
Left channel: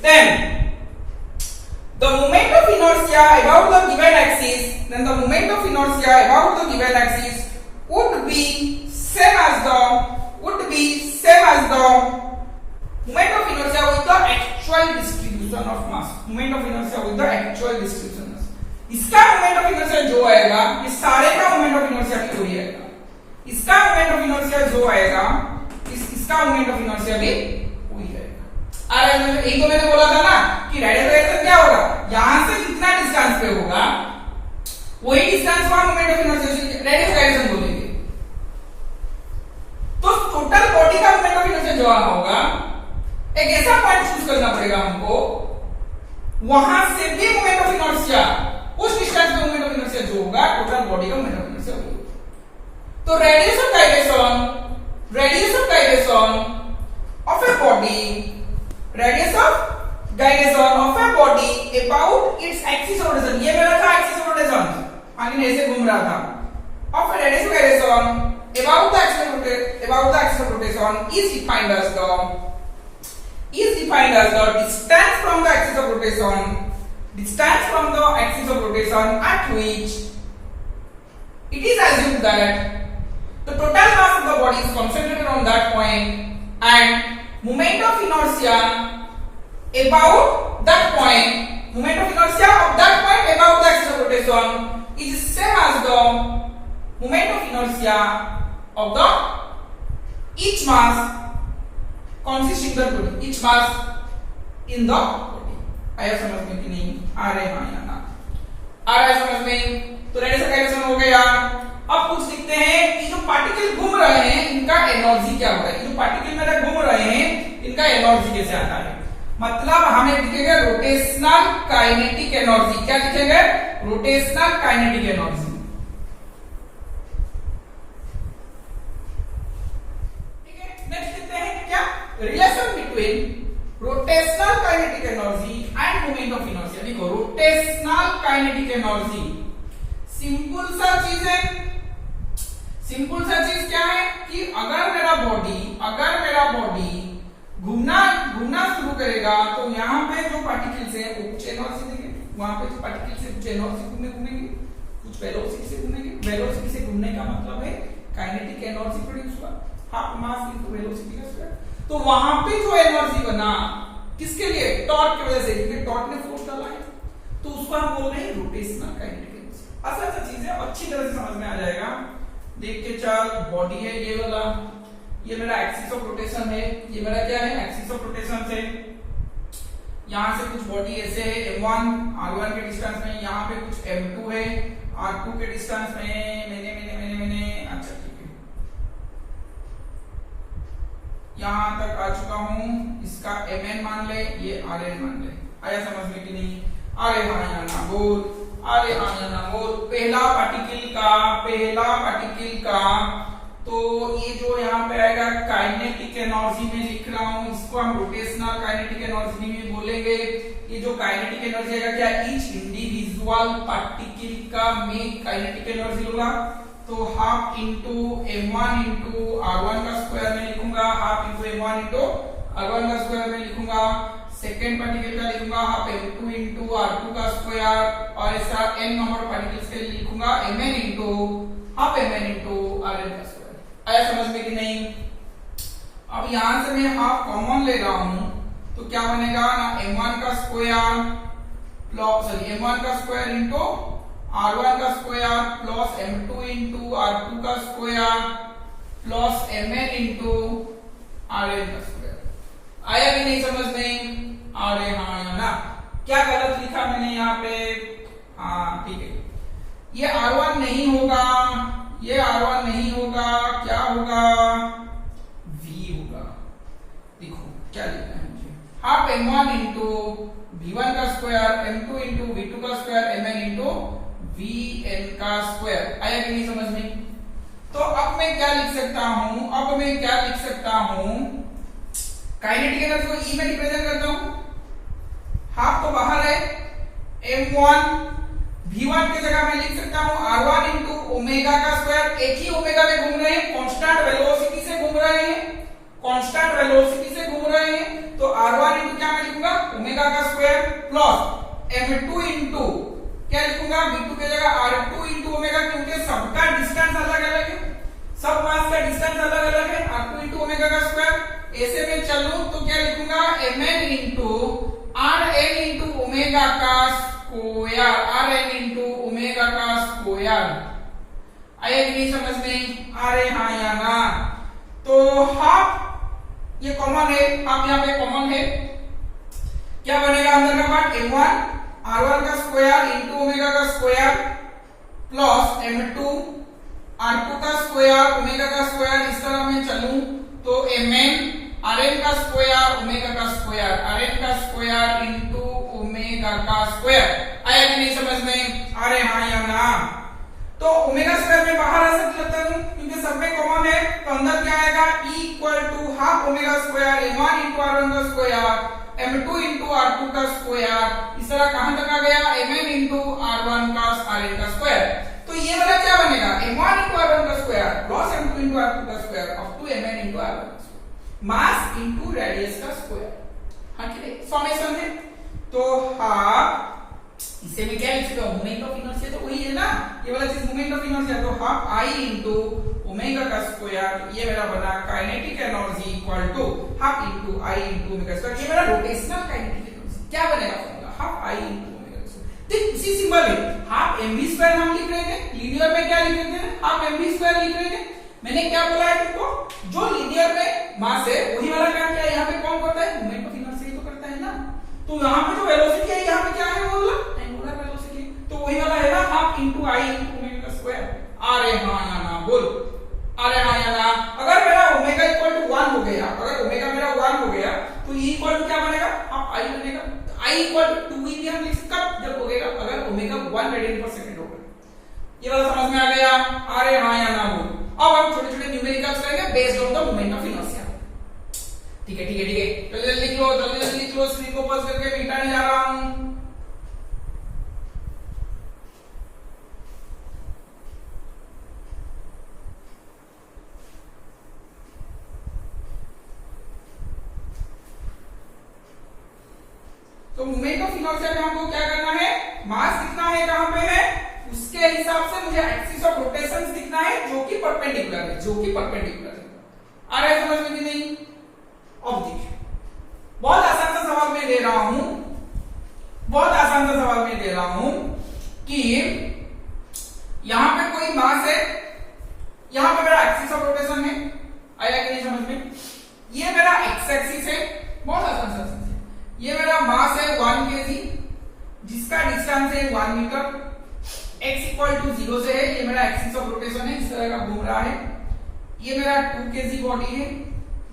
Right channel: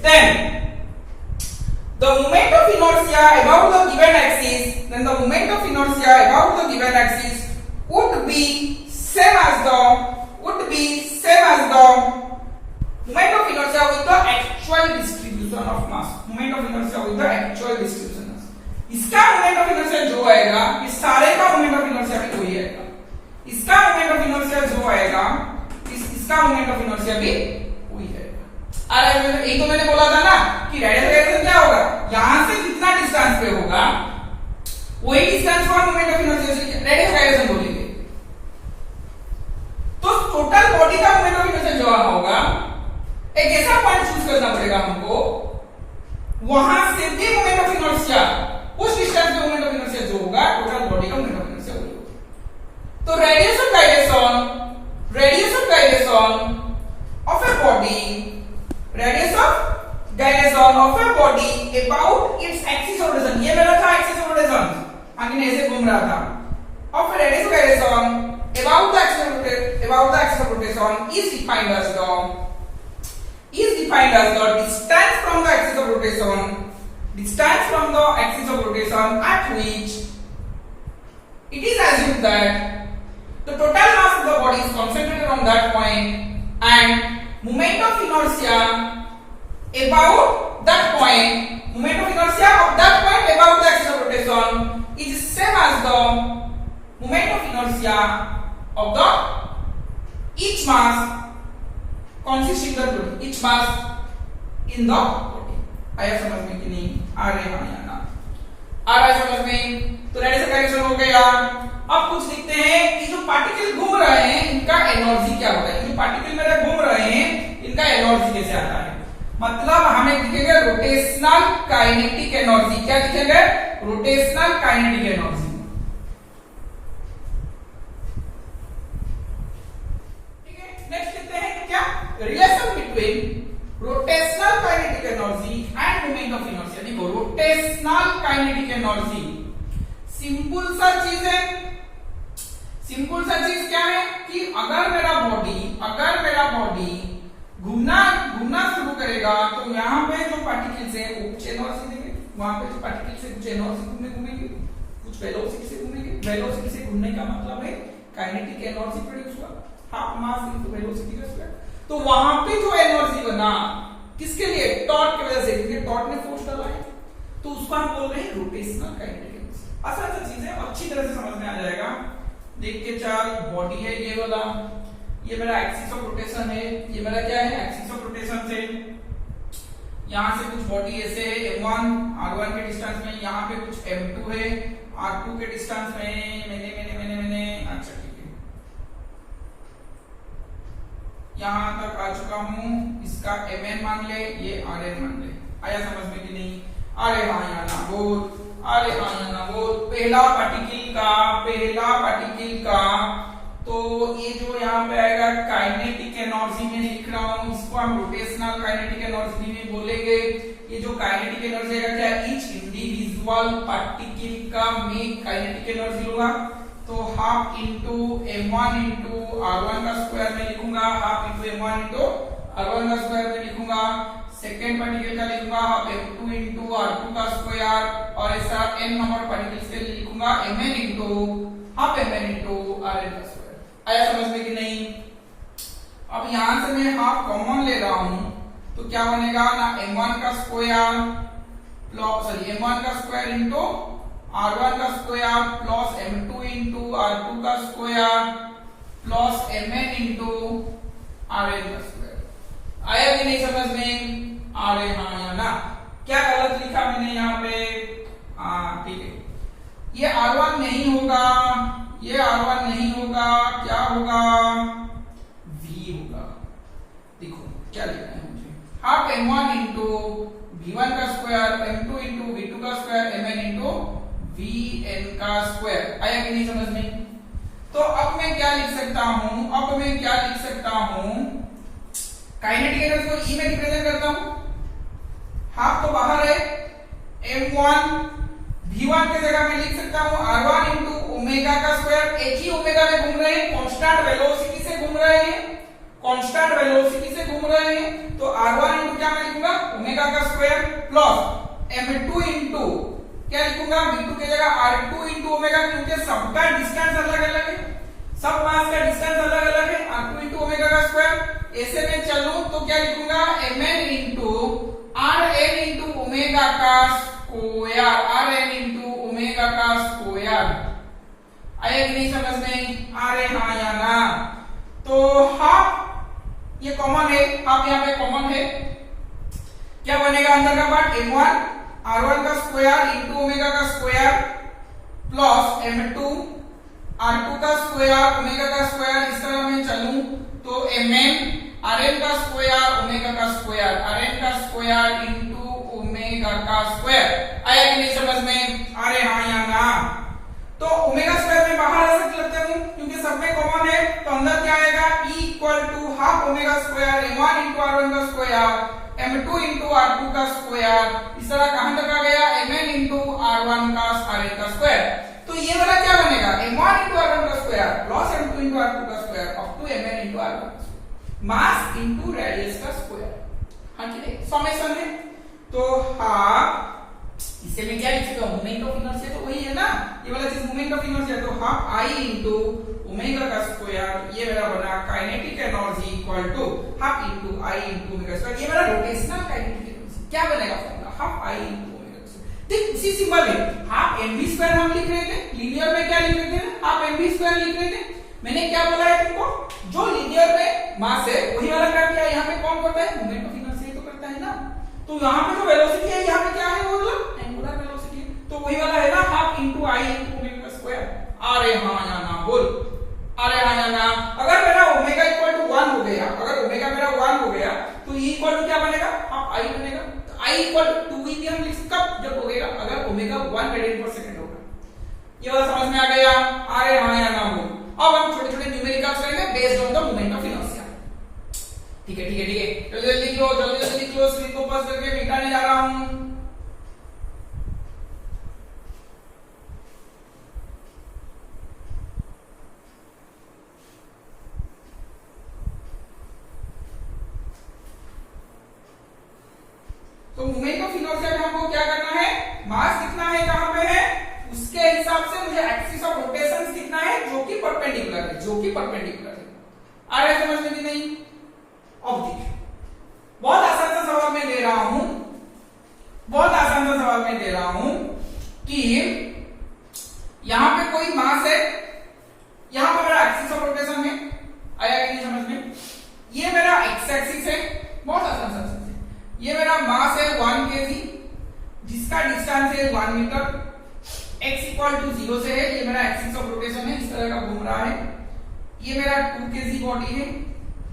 then the moment of inertia about the given axis, would be same as the moment of inertia with the actual distribution of mass, इसका मोमेंट ऑफ इनर्शिया जो आएगा, इस सारे का मोमेंट ऑफ इनर्शिया भी वही आएगा, इसका मोमेंट ऑफ इनर्शिया जो आएगा, इसका मोमेंट ऑफ इनर्शिया भी वही आएगा। अरे यही तो मैंने बोला था ना कि रेडियस गायरेशन क्या होगा, यहां से जितना डिस्टेंस पे होगा वही डिस्टेंस का moment of inertia radius gyration बोलेंगे। तो टोटल बॉडी का मोमेंट ऑफ इनर्शिया जो होगा, एक ऐसा पॉइंट चूज करना पड़ेगा हमको, वहां से भी मोमेंट ऑफ इनर्शिया, उस डिस्टेंस पे मोमेंट ऑफ इनर्शिया जो होगा, टोटल बॉडी का मोमेंट ऑफ इनर्शिया होगा। तो radius of gyration of a body about its axis of rotation, ये मेरा था एक्सिस ऑफ रोटेशन, आगे ऐसे घूम रहा था। Of radius of gyration about the axis of rotation is defined as the distance from the axis of rotation at which it is assumed that the total mass of the body is concentrated on that point and moment of inertia about that point, about the axis of rotation is same as the moment of inertia of the each mass in the body। आया समझ में कि नहीं, आ रहे हाँ या ना, आ रहा है समझ में। तो रेडियस ऑफ गायरेशन हो गया। अब कुछ लिखते हैं कि जो पार्टिकल घूम रहे हैं इनका एनर्जी क्या होगा, जो पार्टिकल मेरे घूम रहे हैं इनका एनर्जी कैसे आता है, मतलब हमें लिखेंगे रोटेशनल काइनेटिक एनर्जी। क्या लिखेंगे, रोटेशनल काइनेटिक एनर्जी। ठीक है, नेक्स्ट लिखते हैं क्या, relation between rotational kinetic energy end moment of inertia. देखो रोटेशनल काइनेटिक एनर्जी सिंपल सा चीज क्या है कि अगर मेरा बॉडी घूमना शुरू करेगा तो यहाँ पे जो पार्टिकल्स है वो कुछ एनर्जी देंगे, वहां पे जो पार्टिकल्स है कुछ एनर्जी घूमेंगे, कुछ वेलोसिटी से घूमेंगे। वेलोसिटी से घूमने का मतलब है काइनेटिक एनर्जी प्रोड्यूस हुआ, हाफ मास इनटू वेलोसिटी का स्क्वायर। तो वहां पे जो एनर्जी बना किसके लिए, टॉर्क की वजह से, क्योंकि टॉर्क ने फोर्स डाला है, तो उसको हम बोल रहे हैं रोटेशनल काइनेटिक एनर्जी। ऐसा चीज है, अच्छी तरह से समझ में आ जाएगा। देख के चल, बॉडी है ये वाला, ये मेरा एक्सिस ऑफ रोटेशन है, ये मेरा क्या है एक्सिस ऑफ रोटेशन से यहां से कुछ बॉडी ऐसे है m1 r1 के डिस्टेंस में, यहाँ पे कुछ m2 है r2 के डिस्टेंस में, मैंने अच्छा ठीक है, यहां तक आ चुका हूं, इसका mn मान ले, ये rn मान ले। आया समझ में कि नहीं, अरे हाँ या ना बोल, अरे हाँ या ना बोल। पहला पार्टिकल का तो ये जो यहाँ पे आएगा काइनेटिक एनर्जी में लिख रहा हूं, इसको हम रोटेशनल काइनेटिक एनर्जी में बोलेंगे। ये जो काइनेटिक एनर्जी है क्या, ईच इंडिविजुअल पार्टिकल का मैं काइनेटिक एनर्जी लूंगा, तो half into m1 into r1 का स्क्वायर में लिखूंगा, half into m1 into r1 का स्क्वायर में लिखूंगा। सेकेंड पार्टिकल का लिखूंगा हाफ m2 इंटू r2 का स्क्वायर, और ऐसा n नंबर पार्टिकल्स के लिए लिखूंगा mn into half mn into rn का स्क्वायर। आया समझ में कि नहीं। अब यहां से मैं हाफ कॉमन ले रहा हूं तो क्या बनेगा ना, m1 का स्क्वायर प्लस m1 का स्क्वायर इंटू r1 का square plus m2 into r2 का square plus mn into rn का स्क्वायर। आया कि नहीं समझ में? आ रहे हाँ या ना? क्या गलत लिखा मैंने यहाँ पे? हाँ ठीक है, ये r1 नहीं होगा, ये r1 नहीं होगा, क्या होगा? v होगा। देखो क्या लिखना है मुझे, हाफ m1 इंटू v1 का स्क्वायर m2 इंटू v2 का स्क्वायर mn इंटू vn का स्क्वायर। आया कि नहीं समझ में? तो अब मैं क्या लिख सकता हूं, अब मैं क्या लिख सकता हूं, काइनेटिक एनर्जी को E में रिप्रेजेंट करता हूं। हाफ तो बाहर है, m1 v1 की जगह मैं लिख सकता हूं r1 इंटू ओमेगा का स्क्वायर। एक ही ओमेगा में घूम रहे हैं, कांस्टेंट वेलोसिटी से घूम रहे हैं, कांस्टेंट वेलोसिटी से घूम रहे हैं, तो r1 इंटू क्या मैं लिखूंगा ओमेगा का स्क्वायर प्लस m2 इंटू क्या लिखूंगा v2 की जगह r2 इंटू ओमेगा, क्योंकि सबका डिस्टेंस अलग अलग है, सब मास का डिस्टेंस अलग अलग है, r2 इंटू ओमेगा का स्क्वायर। ऐसे में चलूं तो क्या लिखूंगा mn into rn into omega का स्क्वायर, rn इंटू ओमेगा का स्क्वायर। आया कि नहीं समझ में? आ रहे हाँ या ना? तो हाफ ये कॉमन है, हाफ यहाँ पे कॉमन है, क्या बनेगा अंदर का पार्ट m1 r1 का स्क्वायर इंटू ओमेगा का स्क्वायर प्लस m2 r2 का स्क्वायर ओमेगा का स्क्वायर। इस तरह मैं चलूं तो mn rn का स्क्वायर ओमेगा का स्क्वायर, rn का स्क्वायर इंटू ओमेगा का स्क्वायर। आया कि नहीं समझ में? अरे हाँ या ना? तो ओमेगा स्क्वायर में बाहर आ सकते लगता हूं क्योंकि सब में कॉमन है, तो अंदर क्या आएगा E equal to half omega square m1 into r1 का स्क्वायर m2 इंटू r2 का स्क्वायर। इस तरह कहां तक आ गया mn इंटू r1 का rn का स्क्वायर। तो ये वाला क्या बनेगा m1 इंटू r1 का square plus m2 into r2 का square up to mn into r1 का स्क्वायर, मास इंटू रेडियस का स्क्वायर। हाँ ठीक है, समेशन है। तो हाफ इससे मैं क्या लिख सकता हूं, मोमेंट ऑफ इनर्शिया तो वही है ना, ये वाला चीज मोमेंट ऑफ इनर्शिया, तो हाफ आई इंटू ओमेगा का स्क्वायर, ये मेरा बना kinetic energy equal to half into I into omega square. ये मेरा रोटेशनल काइनेटिक एनर्जी क्या बनेगा formula, half I into omega square. देख उसी सिंबल है, हाफ mv स्क्वायर हम लिख रहे थे, लीनियर में क्या लिख रहे थे, हाफ mv स्क्वायर लिख रहे थे। मैंने क्या बोला है तुमको, जो लीनियर में मास है वही वाला काम क्या है यहाँ पे कौन करता है, मोमेंट ऑफ इनर्शिया तो करता है ना। तो यहाँ पे जो वेलोसिटी है यहाँ पे क्या है, वो एंगुलर वेलोसिटी, तो वही वाला है ना half into I into omega square. अरे हाँ या ना बोल, अरे हाँ या ना? अगर मेरा ओमेगा इक्वल टू 1 हो गया, अगर ओमेगा मेरा 1 हो गया तो ई इक्वल टू क्या बनेगा, हाफ आई बनेगा। आई इक्वल टू 2 भी हम लिख कब जब हो गया अगर ओमेगा 1 रेडियन पर सेकंड होगा। ये बात समझ में आ गया? अरे हाँ या ना बोल। अब हम छोटे छोटे न्यूमेरिकल्स करेंगे based on the moment of inertia. ठीक है ठीक है ठीक है, जल्दी जल्दी लिख लो, जल्दी जल्दी लिख लो, स्क्रीन को पॉज करके मिटाने जा रहा हूं। तो मोमेंट ऑफ इनर्शिया में हमको क्या करना है, मास कितना है कहां पे है उसके हिसाब से मुझे एक्सिस ऑफ रोटेशन दिखना है जो कि परपेंडिकुलर है, जो कि परपेंडिकुलर है। आ रहा है समझ में कि नहीं? अब देखिए बहुत आसान सा सवाल मैं दे रहा हूं, बहुत आसान सा सवाल मैं दे रहा हूं कि यहां पे कोई मास है, यहां पे मेरा एक्सिस ऑफ रोटेशन है। आया कि नहीं समझ में? ये मेरा एक्स एक्सिस है, बहुत आसान सा, ये मेरा मास है 1 kg जिसका डिस्टेंस है 1 मीटर, x इक्वल टू 0 से है, ये मेरा एक्सिस ऑफ रोटेशन है, इस तरह का घूम रहा है। ये मेरा 2 kg बॉडी है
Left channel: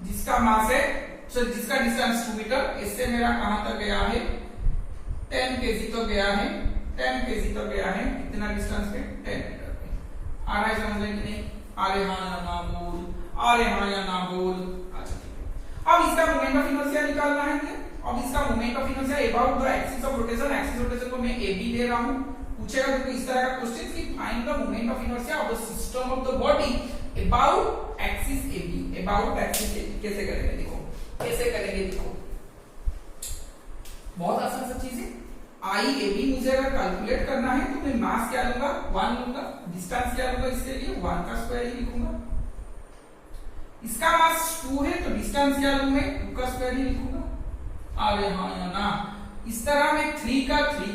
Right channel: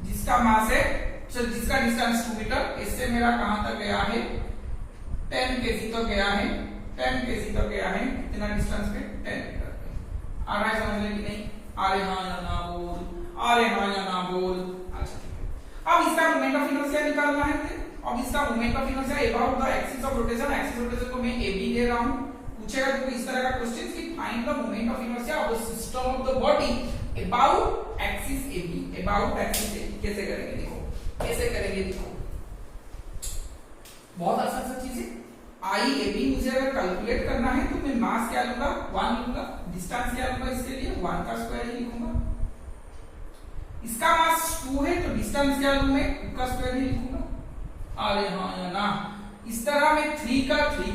जिसका मास है, जिसका डिस्टेंस 2 मीटर, इससे मेरा कहां तक गया है 10 kg तक गया है, 10 kg तक गया है, इतना डिस्टेंस पे 10 मीटर पे। आ रहा है समझ में कि नहीं? अरे हाँ या ना बोल, अरे हाँ या ना बोल। अच्छा अब इसका मोमेंट ऑफ इनर्शिया निकालना है। अब इसका moment of inertia about the axis of rotation, axis of rotation को मैं AB दे रहा हूं। पूछेगा देखो इस तरह का क्वेश्चन कि find the moment of inertia of the system of the body about axis AB, about axis AB कैसे करेंगे देखो, कैसे करेंगे देखो, बहुत आसान सा चीज है। आई AB मुझे अगर कैलकुलेट करना है तो मैं मास क्या लूंगा 1 लूंगा, डिस्टेंस क्या लूंगा इसके लिए 1 का स्क्वायर ही लिखूंगा। इसका मास 2 है तो डिस्टेंस क्या लूं मैं 2 का स्क्वायर ही लिखूंगा। अरे हाँ या ना? इस तरह मैं 3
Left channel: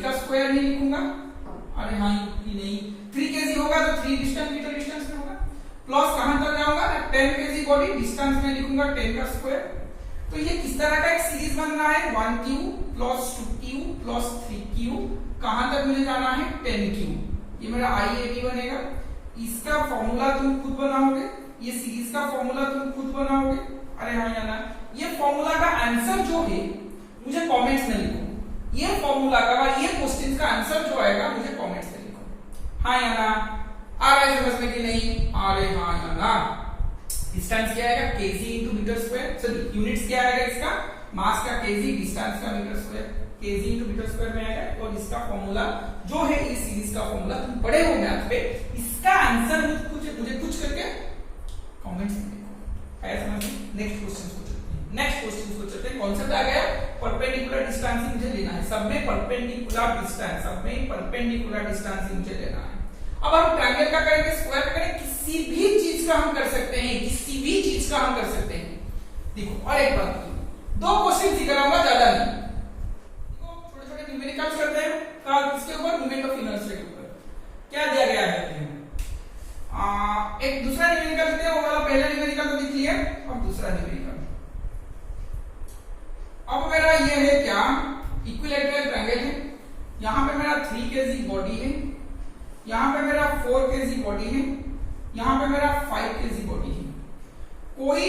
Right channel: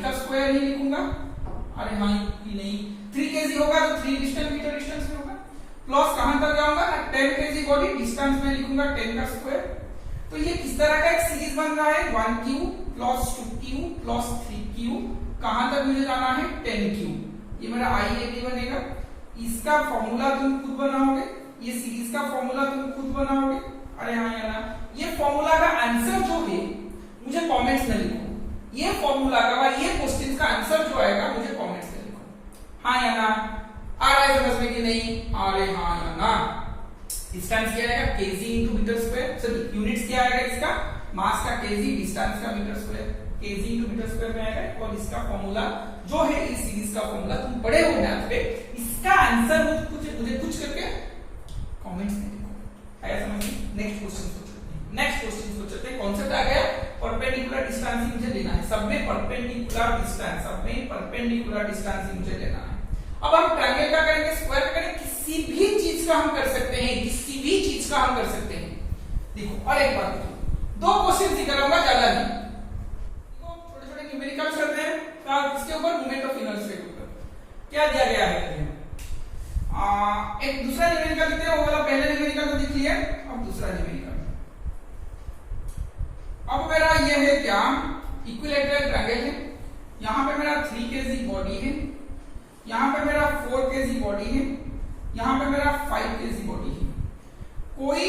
का स्क्वायर ही लिखूंगा। अरे हाँ ये नहीं, 3 kg होगा तो 3 डिस्टेंस मीटर डिस्टेंस में होगा, प्लस कहां तक जाऊंगा ना 10 kg बॉडी डिस्टेंस में लिखूंगा 10 का स्क्वायर। तो ये किस तरह का एक सीरीज बन रहा है, 1q plus 2q plus 3q, कहां तक मुझे जाना है 10q, ये मेरा IAB बनेगा। इसका फॉर्मूला तुम खुद बनाओगे, ये सीरीज का फॉर्मूला तुम खुद बनाओगे। अरे हाँ या ना, ये फॉर्मूला का आंसर जो है मुझे कमेंट्स में लिखो, ये फॉर्मूला का ये क्वेश्चन का आंसर जो आएगा मुझे कमेंट्स में लिखो। हाँ या ना, आ रहा है समझ में कि नहीं? अरे हाँ या ना। डिस्टेंस क्या आएगा kg into metre square, sorry units क्या आएगा इसका, मास का kg, डिस्टेंस का metre square, kg into metre square में आएगा। और इसका फॉर्मूला जो है इस सीरीज का फॉर्मूला तुम पढ़े हो मैथ पे, इसका आंसर मुझे कुछ करके कमेंट्स में लिखो। आया समझ में? नेक्स्ट क्वेश्चन को चलते हैं। कॉन्सेप्ट आ गया, परपेंडिकुलर डिस्टेंस मुझे लेना है, सब में परपेंडिकुलर डिस्टेंस, सब में परपेंडिकुलर डिस्टेंस मुझे लेना है। अब हम ट्रायंगल का करेंगे, स्क्वायर का करेंगे, किसी भी चीज का हम कर सकते हैं, किसी भी चीज का हम कर सकते हैं। देखो और एक बात देखो, 2 क्वेश्चन ही कराऊंगा, ज्यादा नहीं। देखो छोटे छोटे न्यूमेरिकल्स करते हैं, किसके ऊपर, मोमेंट ऑफ इनर्शिया के ऊपर। क्या दिया गया है, एक दूसरा न्यूमेरिकल लिखते हैं, वो वाला पहले न्यूमेरिकल को लिख लिया, अब दूसरा न्यूमेरिकल। अब मेरा ये है क्या, इक्विलैटरल ट्रायंगल है, यहां पे मेरा 3 kg बॉडी है, यहां पे मेरा 4 kg बॉडी है, यहां पे मेरा 5 kg बॉडी है। कोई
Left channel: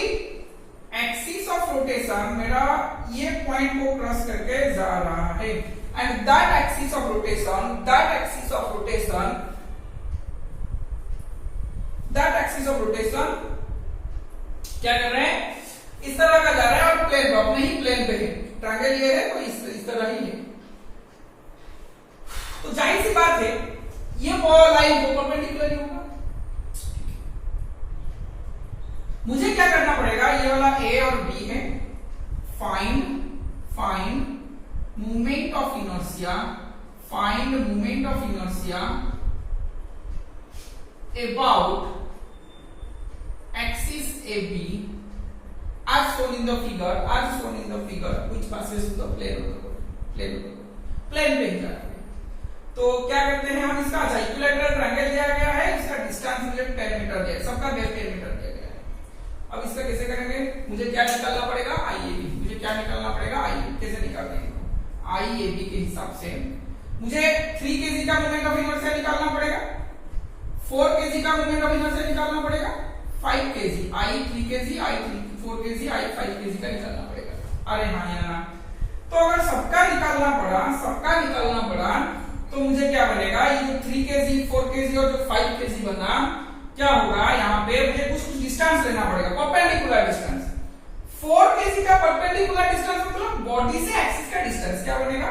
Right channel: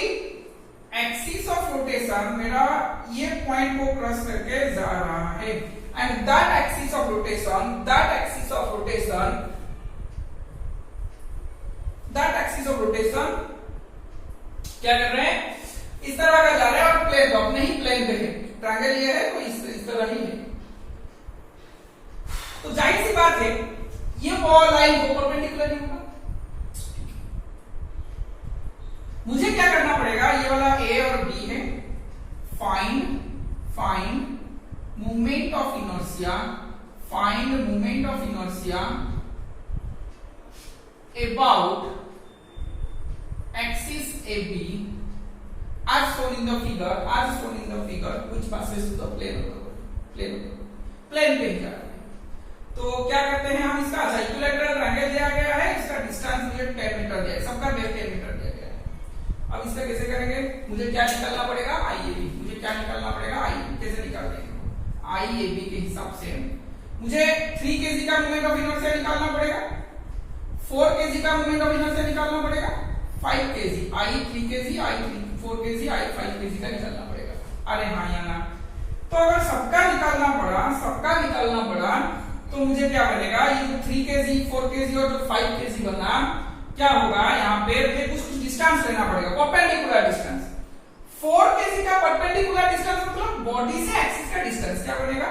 एक्सिस ऑफ रोटेशन मेरा ये पॉइंट को क्रॉस करके जा रहा है, and that axis of rotation क्या कर रहे हैं, इस तरह का जा रहा है, और प्लेन पे अपने ही प्लेन पे है, ट्रायंगल ये है तो इस तरह ही है। तो जाहिर सी बात है ये लाइन को परपेंडिकुलर ही होगा। मुझे क्या करना पड़ेगा, ये वाला A और B है, find movement of inertia, about axis AB as shown in the figure which passes to the plane of the plane पे ही करेंगे। तो क्या करते हैं हम इसका, इक्विलैटरल ट्रायंगल दिया गया है, इसका डिस्टेंस मुझे 10 मीटर दिया है, सबका 10 मीटर दिया गया है। अब इसका कैसे करेंगे, मुझे क्या निकालना पड़ेगा, IAB, कैसे निकालेंगे, IAB के हिसाब से मुझे 3 kg का मोमेंट ऑफ इनर्शिया निकालना पड़ेगा, 4 kg का मोमेंट ऑफ इनर्शिया निकालना पड़ेगा, 5 kg, I 3 kg, I 4 kg, I 5 kg का निकालना पड़ेगा। अरे हाँ या ना, तो अगर सबका निकालना पड़ा तो मुझे क्या बनेगा, ये जो 3 kg, 4 kg और जो 5 kg बना, क्या होगा, यहाँ पे मुझे कुछ डिस्टेंस लेना पड़ेगा, परपेंडिकुलर डिस्टेंस। 4 kg का परपेंडिकुलर डिस्टेंस मतलब बॉडी से एक्सिस का डिस्टेंस क्या बनेगा,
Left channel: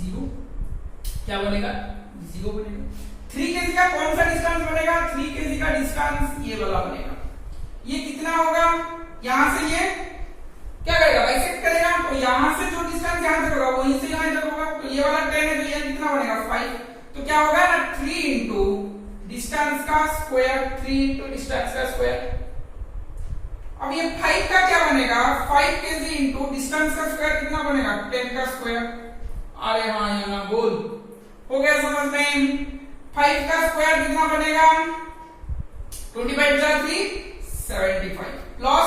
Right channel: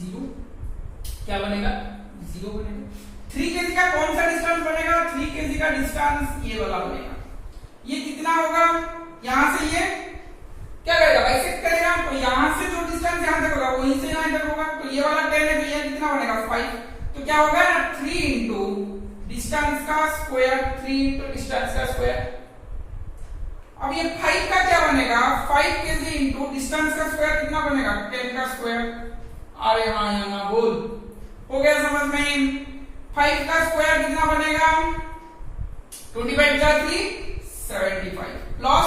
0 बनेगा। 3 kg का कौन सा डिस्टेंस बनेगा, 3 kg का डिस्टेंस ये वाला बनेगा। ये कितना होगा, यहां से ये क्या करेगा, बाइसेक्ट करेगा, तो यहां से जो डिस्टेंस यहां तक होगा वहीं से यहां तक होगा, तो ये वाला 10 है, तो ये कितना बनेगा 5, तो क्या होगा ना 3 इंटू डिस्टेंस का स्क्वायर, 3 इंटू डिस्टेंस का स्क्वायर। अब ये 5 का क्या बनेगा, 5 kg इंटू डिस्टेंस का स्क्वायर कितना बनेगा, 10 का स्क्वायर। अरे हाँ या ना, बोल, हो गया समझ में। 5 का स्क्वायर कितना बनेगा, 25 + 3 75 प्लस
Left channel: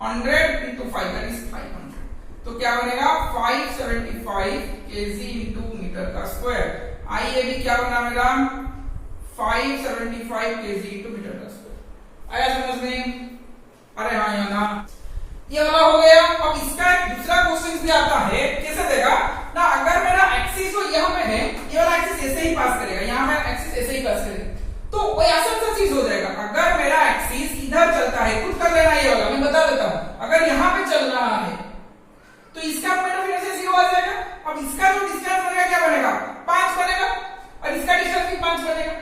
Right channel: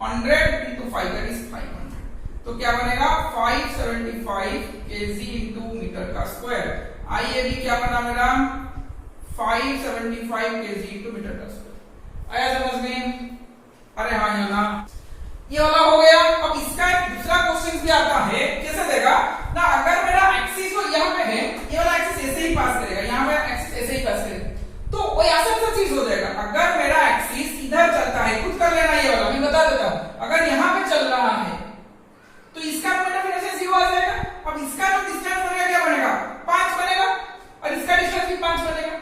100 into 5 that is 500, तो क्या बनेगा 575 kg into मीटर का स्क्वायर। IAB क्या बना मेरा, 575 kg into मीटर का स्क्वायर। आया समझ में? अरे हाँ या ना, ये वाला हो गया। अब इसका दूसरा क्वेश्चन भी आता है, कैसे देगा ना, अगर मेरा एक्सिस तो यहाँ पे है, ये वाला एक्सिस ऐसे ही पास करेगा, यहाँ पे एक्सिस ऐसे ही पास करेगा, तो वही आसान सा चीज हो जाएगा। अगर मेरा एक्सिस इधर चलता है, खुद कर लेना ये वाला, मैं बता देता हूं, अगर यहाँ पे चल रहा है तो इसका मोमेंट ऑफ इनर्शिया 0 आ जाएगा। अब इसका जो डिस्टेंस बनेगा क्या बनेगा, 5 बनेगा, और इसका डिस्टेंस भी 5 बनेगा,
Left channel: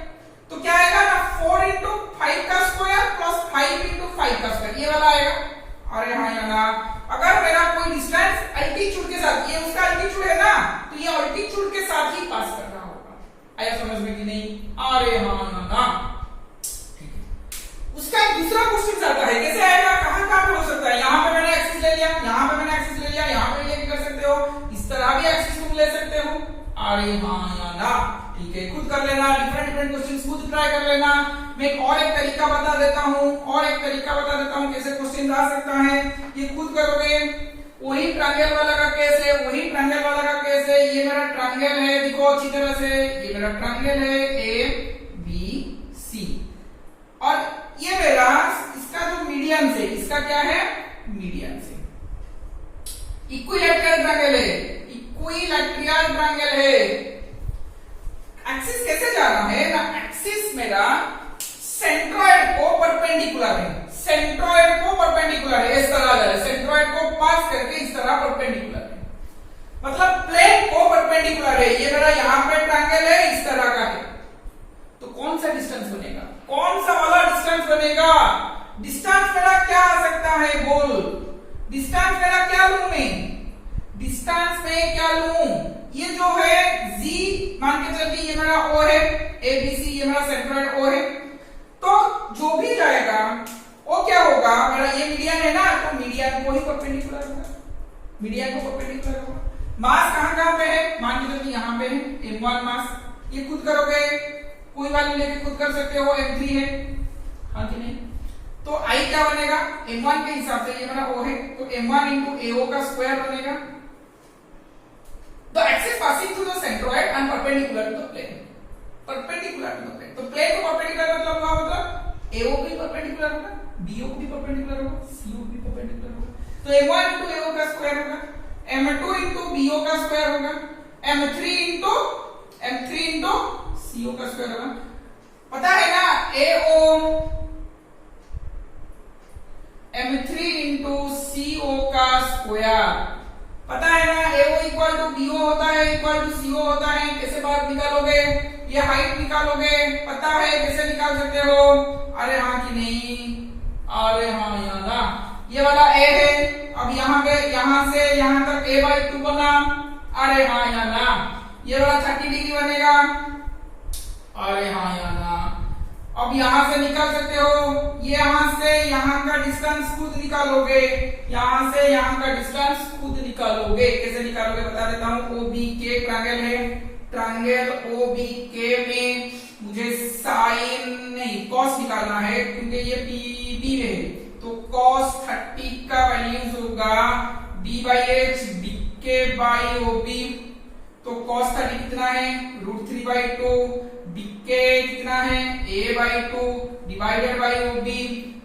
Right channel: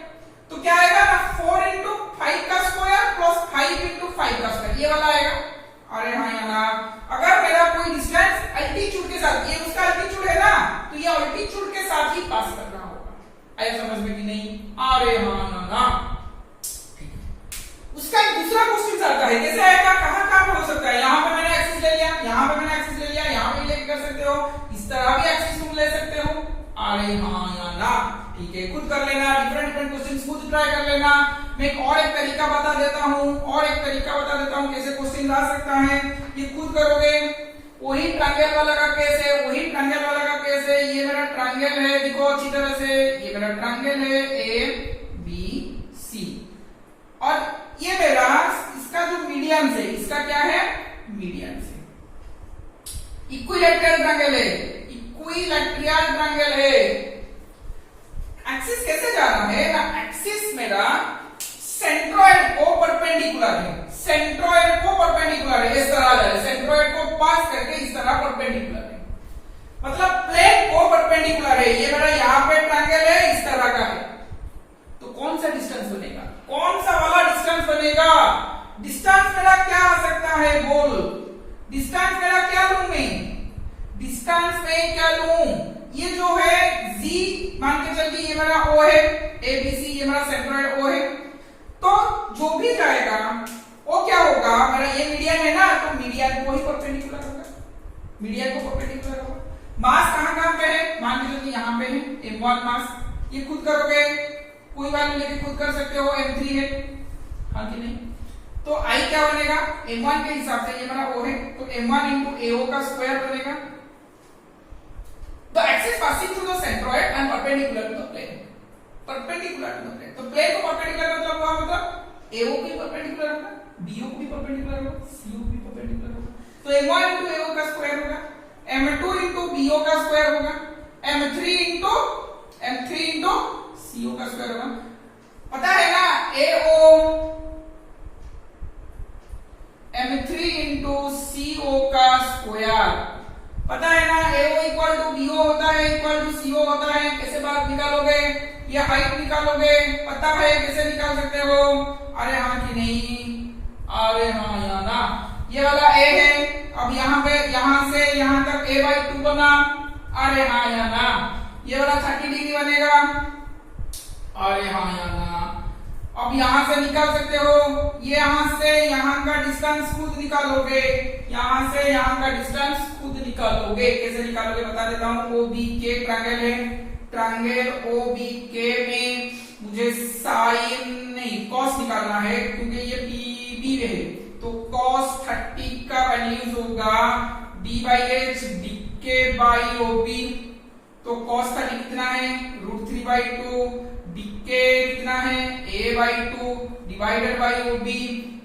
तो क्या आएगा ना 4 into 5 का स्क्वायर प्लस 5 into 5 का स्क्वायर, ये वाला आएगा। अरे हाँ यार, अगर मेरा कोई डिस्टेंस अल्टीट्यूड के साथ, ये उसका अल्टीट्यूड है ना, तो ये अल्टीट्यूड के साथ ही पास कर रहा होगा। आया समझ में कि नहीं? अरे हाँ ना, ठीक है। उसका एक दूसरा क्वेश्चन आता है, कैसे आएगा, कहां हो सकता है, यहाँ पे मैंने एक्सिस ले लिया, यहाँ पे मैंने एक्सिस ले लिया, यहाँ पे ये कर सकते हो, इस तरह भी एक्सिस तुम ले सकते हो। अरे हाँ या ना, ठीक है, खुद कर लेना, डिफरेंट क्वेश्चंस खुद ट्राई कर लेना। मैं एक तरीका बता देता हूँ कैसे क्वेश्चन आ सकता है, ये खुद करोगे। वही ट्रायंगल वाला का केस है, ये मेरा ट्रायंगल है, देखो अच्छी तरह से, ये मेरा ट्रायंगल है ABC और ये मेरा इसका जो मीडियन से, इसका क्या है, मीडियन से इक्विलैटरल ट्रायंगल है। एक्सिस कैसे जा रहा है ना, एक्सिस मेरा सेंट्रोइड को परपेंडिकुलर है, इस तरह जा रहा है, सेंट्रोइड को पास करके इस तरह परपेंडिकुलर है, मतलब प्लेन को परपेंडिकुलर है। ये मेरा यहाँ पे ट्रायंगल है, इस तरह का है, तो कौन सा डिस्टेंस बनेगा, कौन सा वाला डिस्टेंस बनेगा? डिस्टेंस मेरा क्या आ सकता है, बोल, डिस्टेंस मेरा क्या लूं मैं, डिस्टेंस में क्या लूं? ये जो है Z मान के चलिए, ये मेरा O है, ABC ये मेरा सेंट्रोइड O है, तो जो भी जाएगा वो क्या होगा, मेरा ये मीडियन है ना, तो मीडियन को ही परपेंडिकुलर होगा, मास कहां पे है, मान के चलिए यहाँ पे है M1 मास, ये खुद करोगे, कोई वैल्यू लेके खुद कर सकते हो, M3 है, हाँ कि नहीं? तो I क्या बनेगा, M1 के हिसाब से ये मेरा O है, तो M1 into AO का स्क्वायर बनेगा। The axis passing through the centroid and perpendicular to the plane, तो प्लेन को परपेंडिकुलर मतलब हुआ, मतलब AO भी परपेंडिकुलर होगा, BO भी परपेंडिकुलर होगा, CO भी परपेंडिकुलर होगा, तो M1 into AO का स्क्वायर होगा, M2 into BO का स्क्वायर होगा, M3 into CO का स्क्वायर होगा। पता है ना, AO M3 into CO का स्क्वायर, पता है ना, AO इक्वल टू BO होता है, इक्वल टू CO होता है। कैसे बात निकालोगे, ये हाइट निकालोगे, पता है कैसे निकाल सकते हो? अरे हाँ कि नहीं, अरे हाँ या ना, ये वाला A है, अब यहाँ पे यहाँ से यहाँ तक A/2 बना, अरे हाँ या ना, ये वाला 30 डिग्री बनेगा, अरे हाँ या ना। अब यहां से निकाल सकते हो, ये यहां से यहां का डिस्टेंस खुद निकालोगे, यहां से यहां का डिस्टेंस खुद निकालोगे। कैसे निकालोगे बता देता हूं। OBK ट्रायंगल है, ट्रायंगल OBK में मुझे साइन नहीं कॉस निकालना है, क्योंकि ये PB है, तो cos 30 का वैल्यूज होगा D/H BK/OB, तो cos 30 कितना है, √3/2, BK कितना है, A/2 डिवाइडेड बाई OB,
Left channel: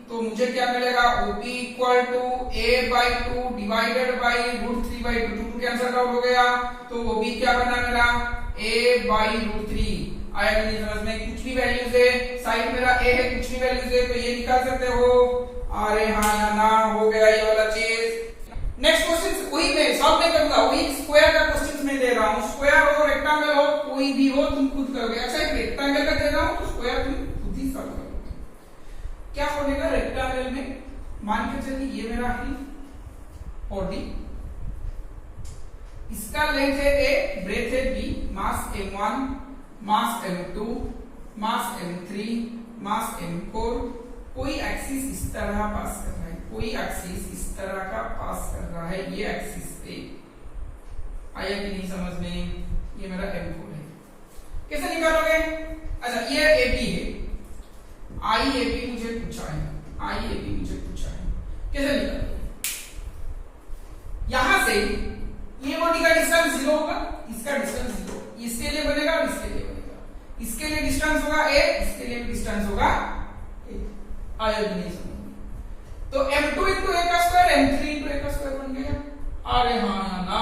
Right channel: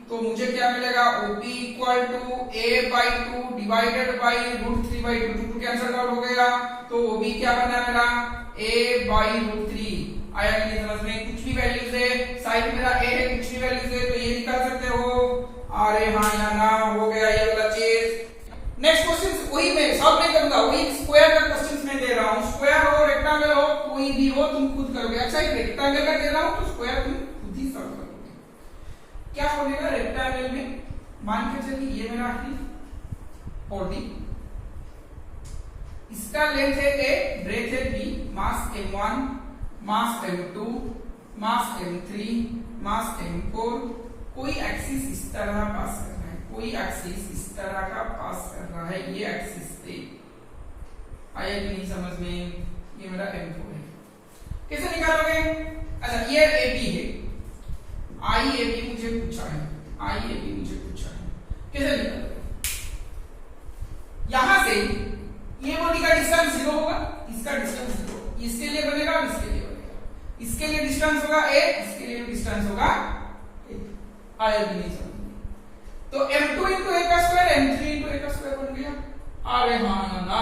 तो मुझे क्या मिलेगा, OB equal to A/2 divided by √3/2, 2 cancel out हो गया, तो OB क्या बना मेरा, A/√3। आया कि नहीं समझ में? कुछ भी वैल्यूज है, साइड मेरा A है, कुछ भी वैल्यूज है, तो ये निकाल सकते हो। अरे हाँ या ना, हो गया ये वाला चीज। नेक्स्ट क्वेश्चन वही मैं सॉल्व नहीं करूंगा, वही स्क्वायर का क्वेश्चन मैं दे रहा हूँ, स्क्वायर हो रेक्टेंगल हो कोई भी हो तुम खुद करोगे। अच्छा एक रेक्टेंगल का दे रहा हूँ तो स्क्वायर तुम खुद ही सॉल्व करोगे। क्या बनेगा रेक्टेंगल में, मान के चलिए ये मेरा है बॉडी, इसका लेंथ है A, ब्रेथ है B, मास M1, मास M2, मास M3, मास M4, कोई एक्सिस इस तरह पास कर रहा है, कोई एक्सिस इस तरह का पास कर रहा है, ये एक्सिस पे। आया कि नहीं समझ में? ये मेरा M4 है। कैसे निकालोगे? अच्छा ये AP है, IAP मुझे पूछा है, IAP मुझे पूछा है, कैसे निकालोगे? यहां से ये बॉडी का डिस्टेंस 0 होगा, इसका डिस्टेंस 0, इसके लिए बनेगा, इसके लिए बनेगा, इसके लिए डिस्टेंस होगा A, इसके लिए डिस्टेंस होगा A। आया कि नहीं समझ? तो M2 into A का स्क्वायर M3 into A का स्क्वायर बन गया। अरे हाँ ना,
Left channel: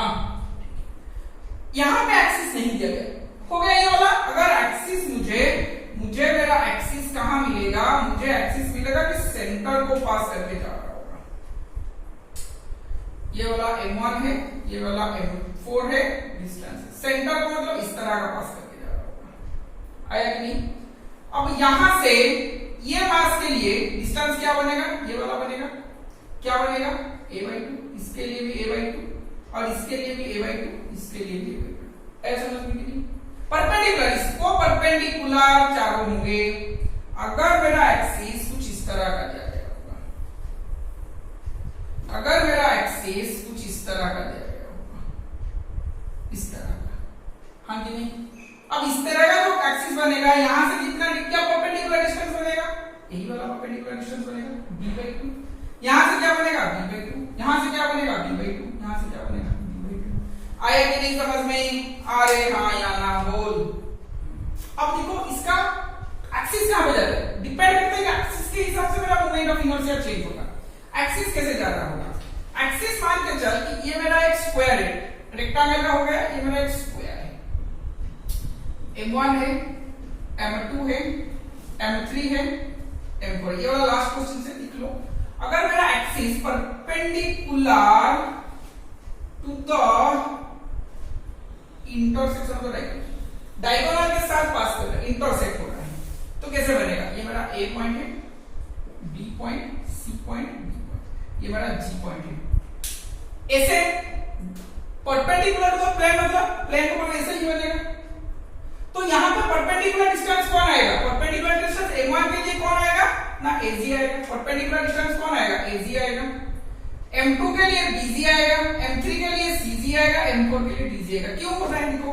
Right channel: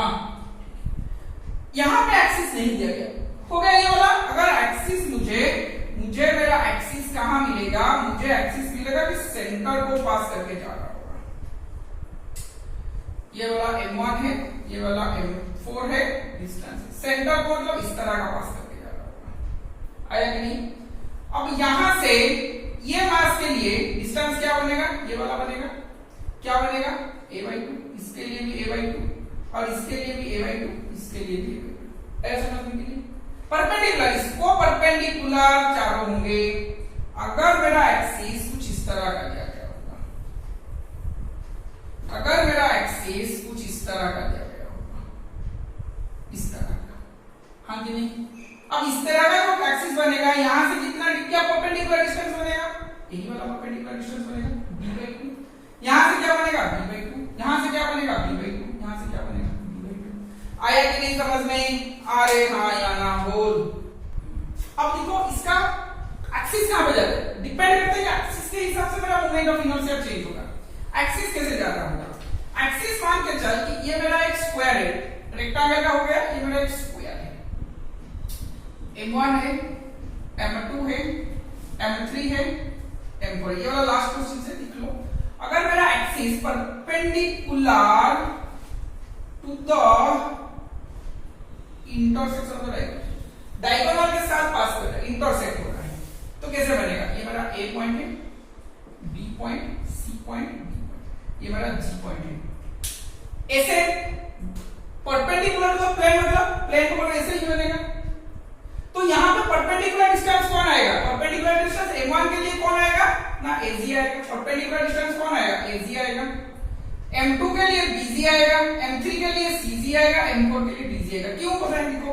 यहां पे एक्सिस नहीं दिया गया, हो गया ये वाला। अगर एक्सिस मुझे मेरा एक्सिस कहां मिलेगा, मुझे एक्सिस मिलेगा कि सेंटर को पास करके जा रहा होगा। ये वाला M1 है, ये वाला M4 है, डिस्टेंस सेंटर को मतलब इस तरह का पास करके जा रहा होगा। आया कि नहीं? अब यहां से ये मास के लिए डिस्टेंस क्या बनेगा, ये वाला बनेगा, क्या बनेगा A/2, इसके लिए भी A/2 और इसके लिए भी A/2, इसके लिए भी A/2। ऐसा समझ में नहीं? परपेंडिकुलर, इसको परपेंडिकुलर चारों होंगे। अगर मेरा एक्सिस कुछ इस तरह का दिया गया होगा, अगर मेरा एक्सिस कुछ इस तरह का दिया गया होगा, हाँ कि नहीं? अब इस तरह का जो एक्सिस बनेगा, यहां से कितना क्या परपेंडिकुलर डिस्टेंस बनेगा, यही वाला परपेंडिकुलर डिस्टेंस बनेगा b/2। यहां से क्या बनेगा b/2, यहां से क्या बनेगा b/2, यहां से क्या बनेगा b/2। आया कि नहीं समझ में? अरे हाँ या ना बोल। अब देखो इसका एक्सिस कहां पे जाता है, डिपेंड करता है कि एक्सिस के हिसाब से मेरा मोमेंट ऑफ इनर्शिया चेंज होगा। एक्सिस कैसे जाता होगा, एक्सिस मान के चल कि ये मेरा एक स्क्वायर है, रेक्टेंगल का हो गया, ये मेरा एक स्क्वायर है, m1 है, m2 है, m3 है, m4। ये वाला लास्ट क्वेश्चन से लिख लो। अगर मेरा axis perpendicular to the intersection of the diagonal के साथ पास कर रहा है, इंटरसेक्ट हो रहा है, तो कैसे बनेगा, ये मेरा A पॉइंट है, B point, C point, B point, ये मेरा G पॉइंट है। ऐसे परपेंडिकुलर तो प्लेन मतलब प्लेन को ऐसे ही बनेगा। तो यहां पे परपेंडिकुलर डिस्टेंस कौन आएगा, परपेंडिकुलर डिस्टेंस m1 के लिए कौन आएगा ना AG आएगा, परपेंडिकुलर डिस्टेंस कौन आएगा AG आएगा, m2 के लिए BG आएगा, m3 के लिए CG आएगा, m4 के लिए DG आएगा। क्यों पता है देखो,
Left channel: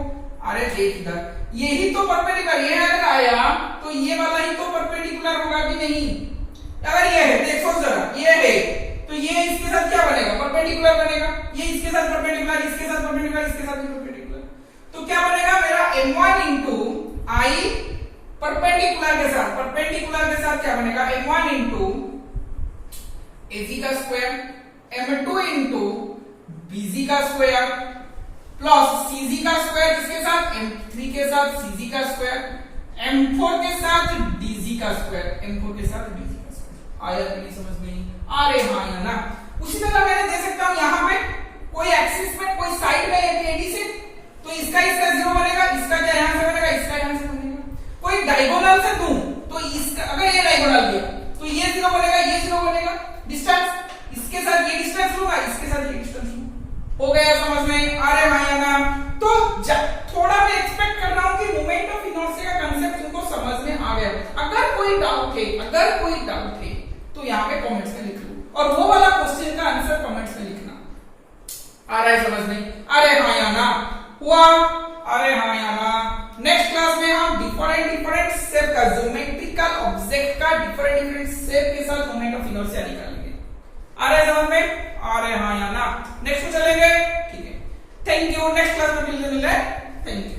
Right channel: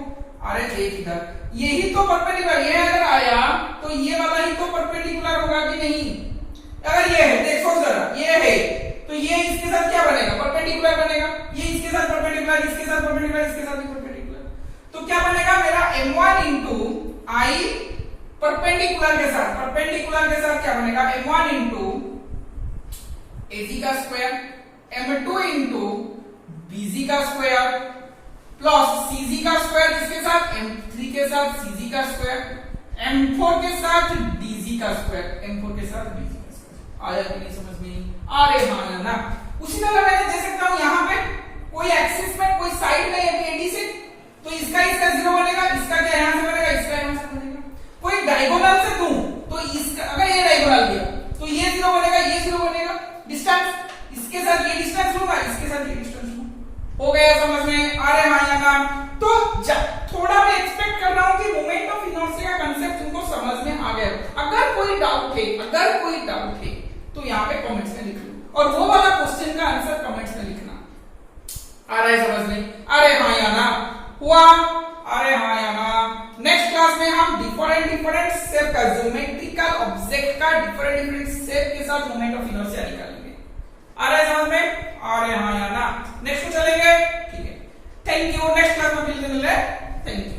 अरे देख इधर, यही तो परपेंडिकुलर, ये अगर आया तो ये वाला ही तो परपेंडिकुलर होगा कि नहीं। अगर ये है, देखो जरा, ये है तो ये इसके साथ क्या बनेगा, परपेंडिकुलर बनेगा, ये इसके साथ परपेंडिकुलर, इसके साथ परपेंडिकुलर, इसके साथ भी परपेंडिकुलर। तो क्या बनेगा मेरा m1 इंटू आई परपेंडिकुलर के साथ, परपेंडिकुलर के साथ क्या बनेगा m1 इंटू AC का स्क्वायर, m2 इंटू BG का स्क्वायर प्लस CG का स्क्वायर, किसके साथ m3 के साथ CG का स्क्वायर, m4 के साथ DG का स्क्वायर, m4 के साथ DG का स्क्वायर। आया कि नहीं समझ में? अरे हाँ या ना। उसी तरह मैं दे सकता हूं यहां पे कोई एक्सिस में कोई साइड में AD से, तो इसका 0 बनेगा, इसका क्या यहां से बनेगा, इसका यहां से बनेगा। कोई डायगोनल से दूं तो इसका, अगर ये डायगोनल लिया तो ये 0 बनेगा, ये 0 बनेगा। डिस्टेंस इसके साथ ये डिस्टेंस लूंगा, इसके साथ ये डिस्टेंस लूंगा। हो गया समझ में? अरे हाँ या ना। तो थोड़ा मैं एक्सपेक्ट कर रहा हूं कि मोमेंट ऑफ इनर्शिया का कांसेप्ट तुमको समझ में आ गया। अगर कोई डाउट है तो यहाँ पे कमेंट्स में लिख लो, और वो वाला क्वेश्चन का आंसर कमेंट्स में लिखना। आ रहा है समझ में? अरे हाँ या ना हुआ? अरे हाँ या ना। नेक्स्ट क्लास में हम डिफरेंट शेप का, ज्योमेट्रिकल ऑब्जेक्ट का डिफरेंट शेप के साथ मोमेंट ऑफ इनर्शिया निकालेंगे। आ रहा है समझ में? अरे हाँ या ना। नेक्स्ट को चलेंगे, ठीक है। Thank you. नेक्स्ट क्लास में मिलते, थैंक यू।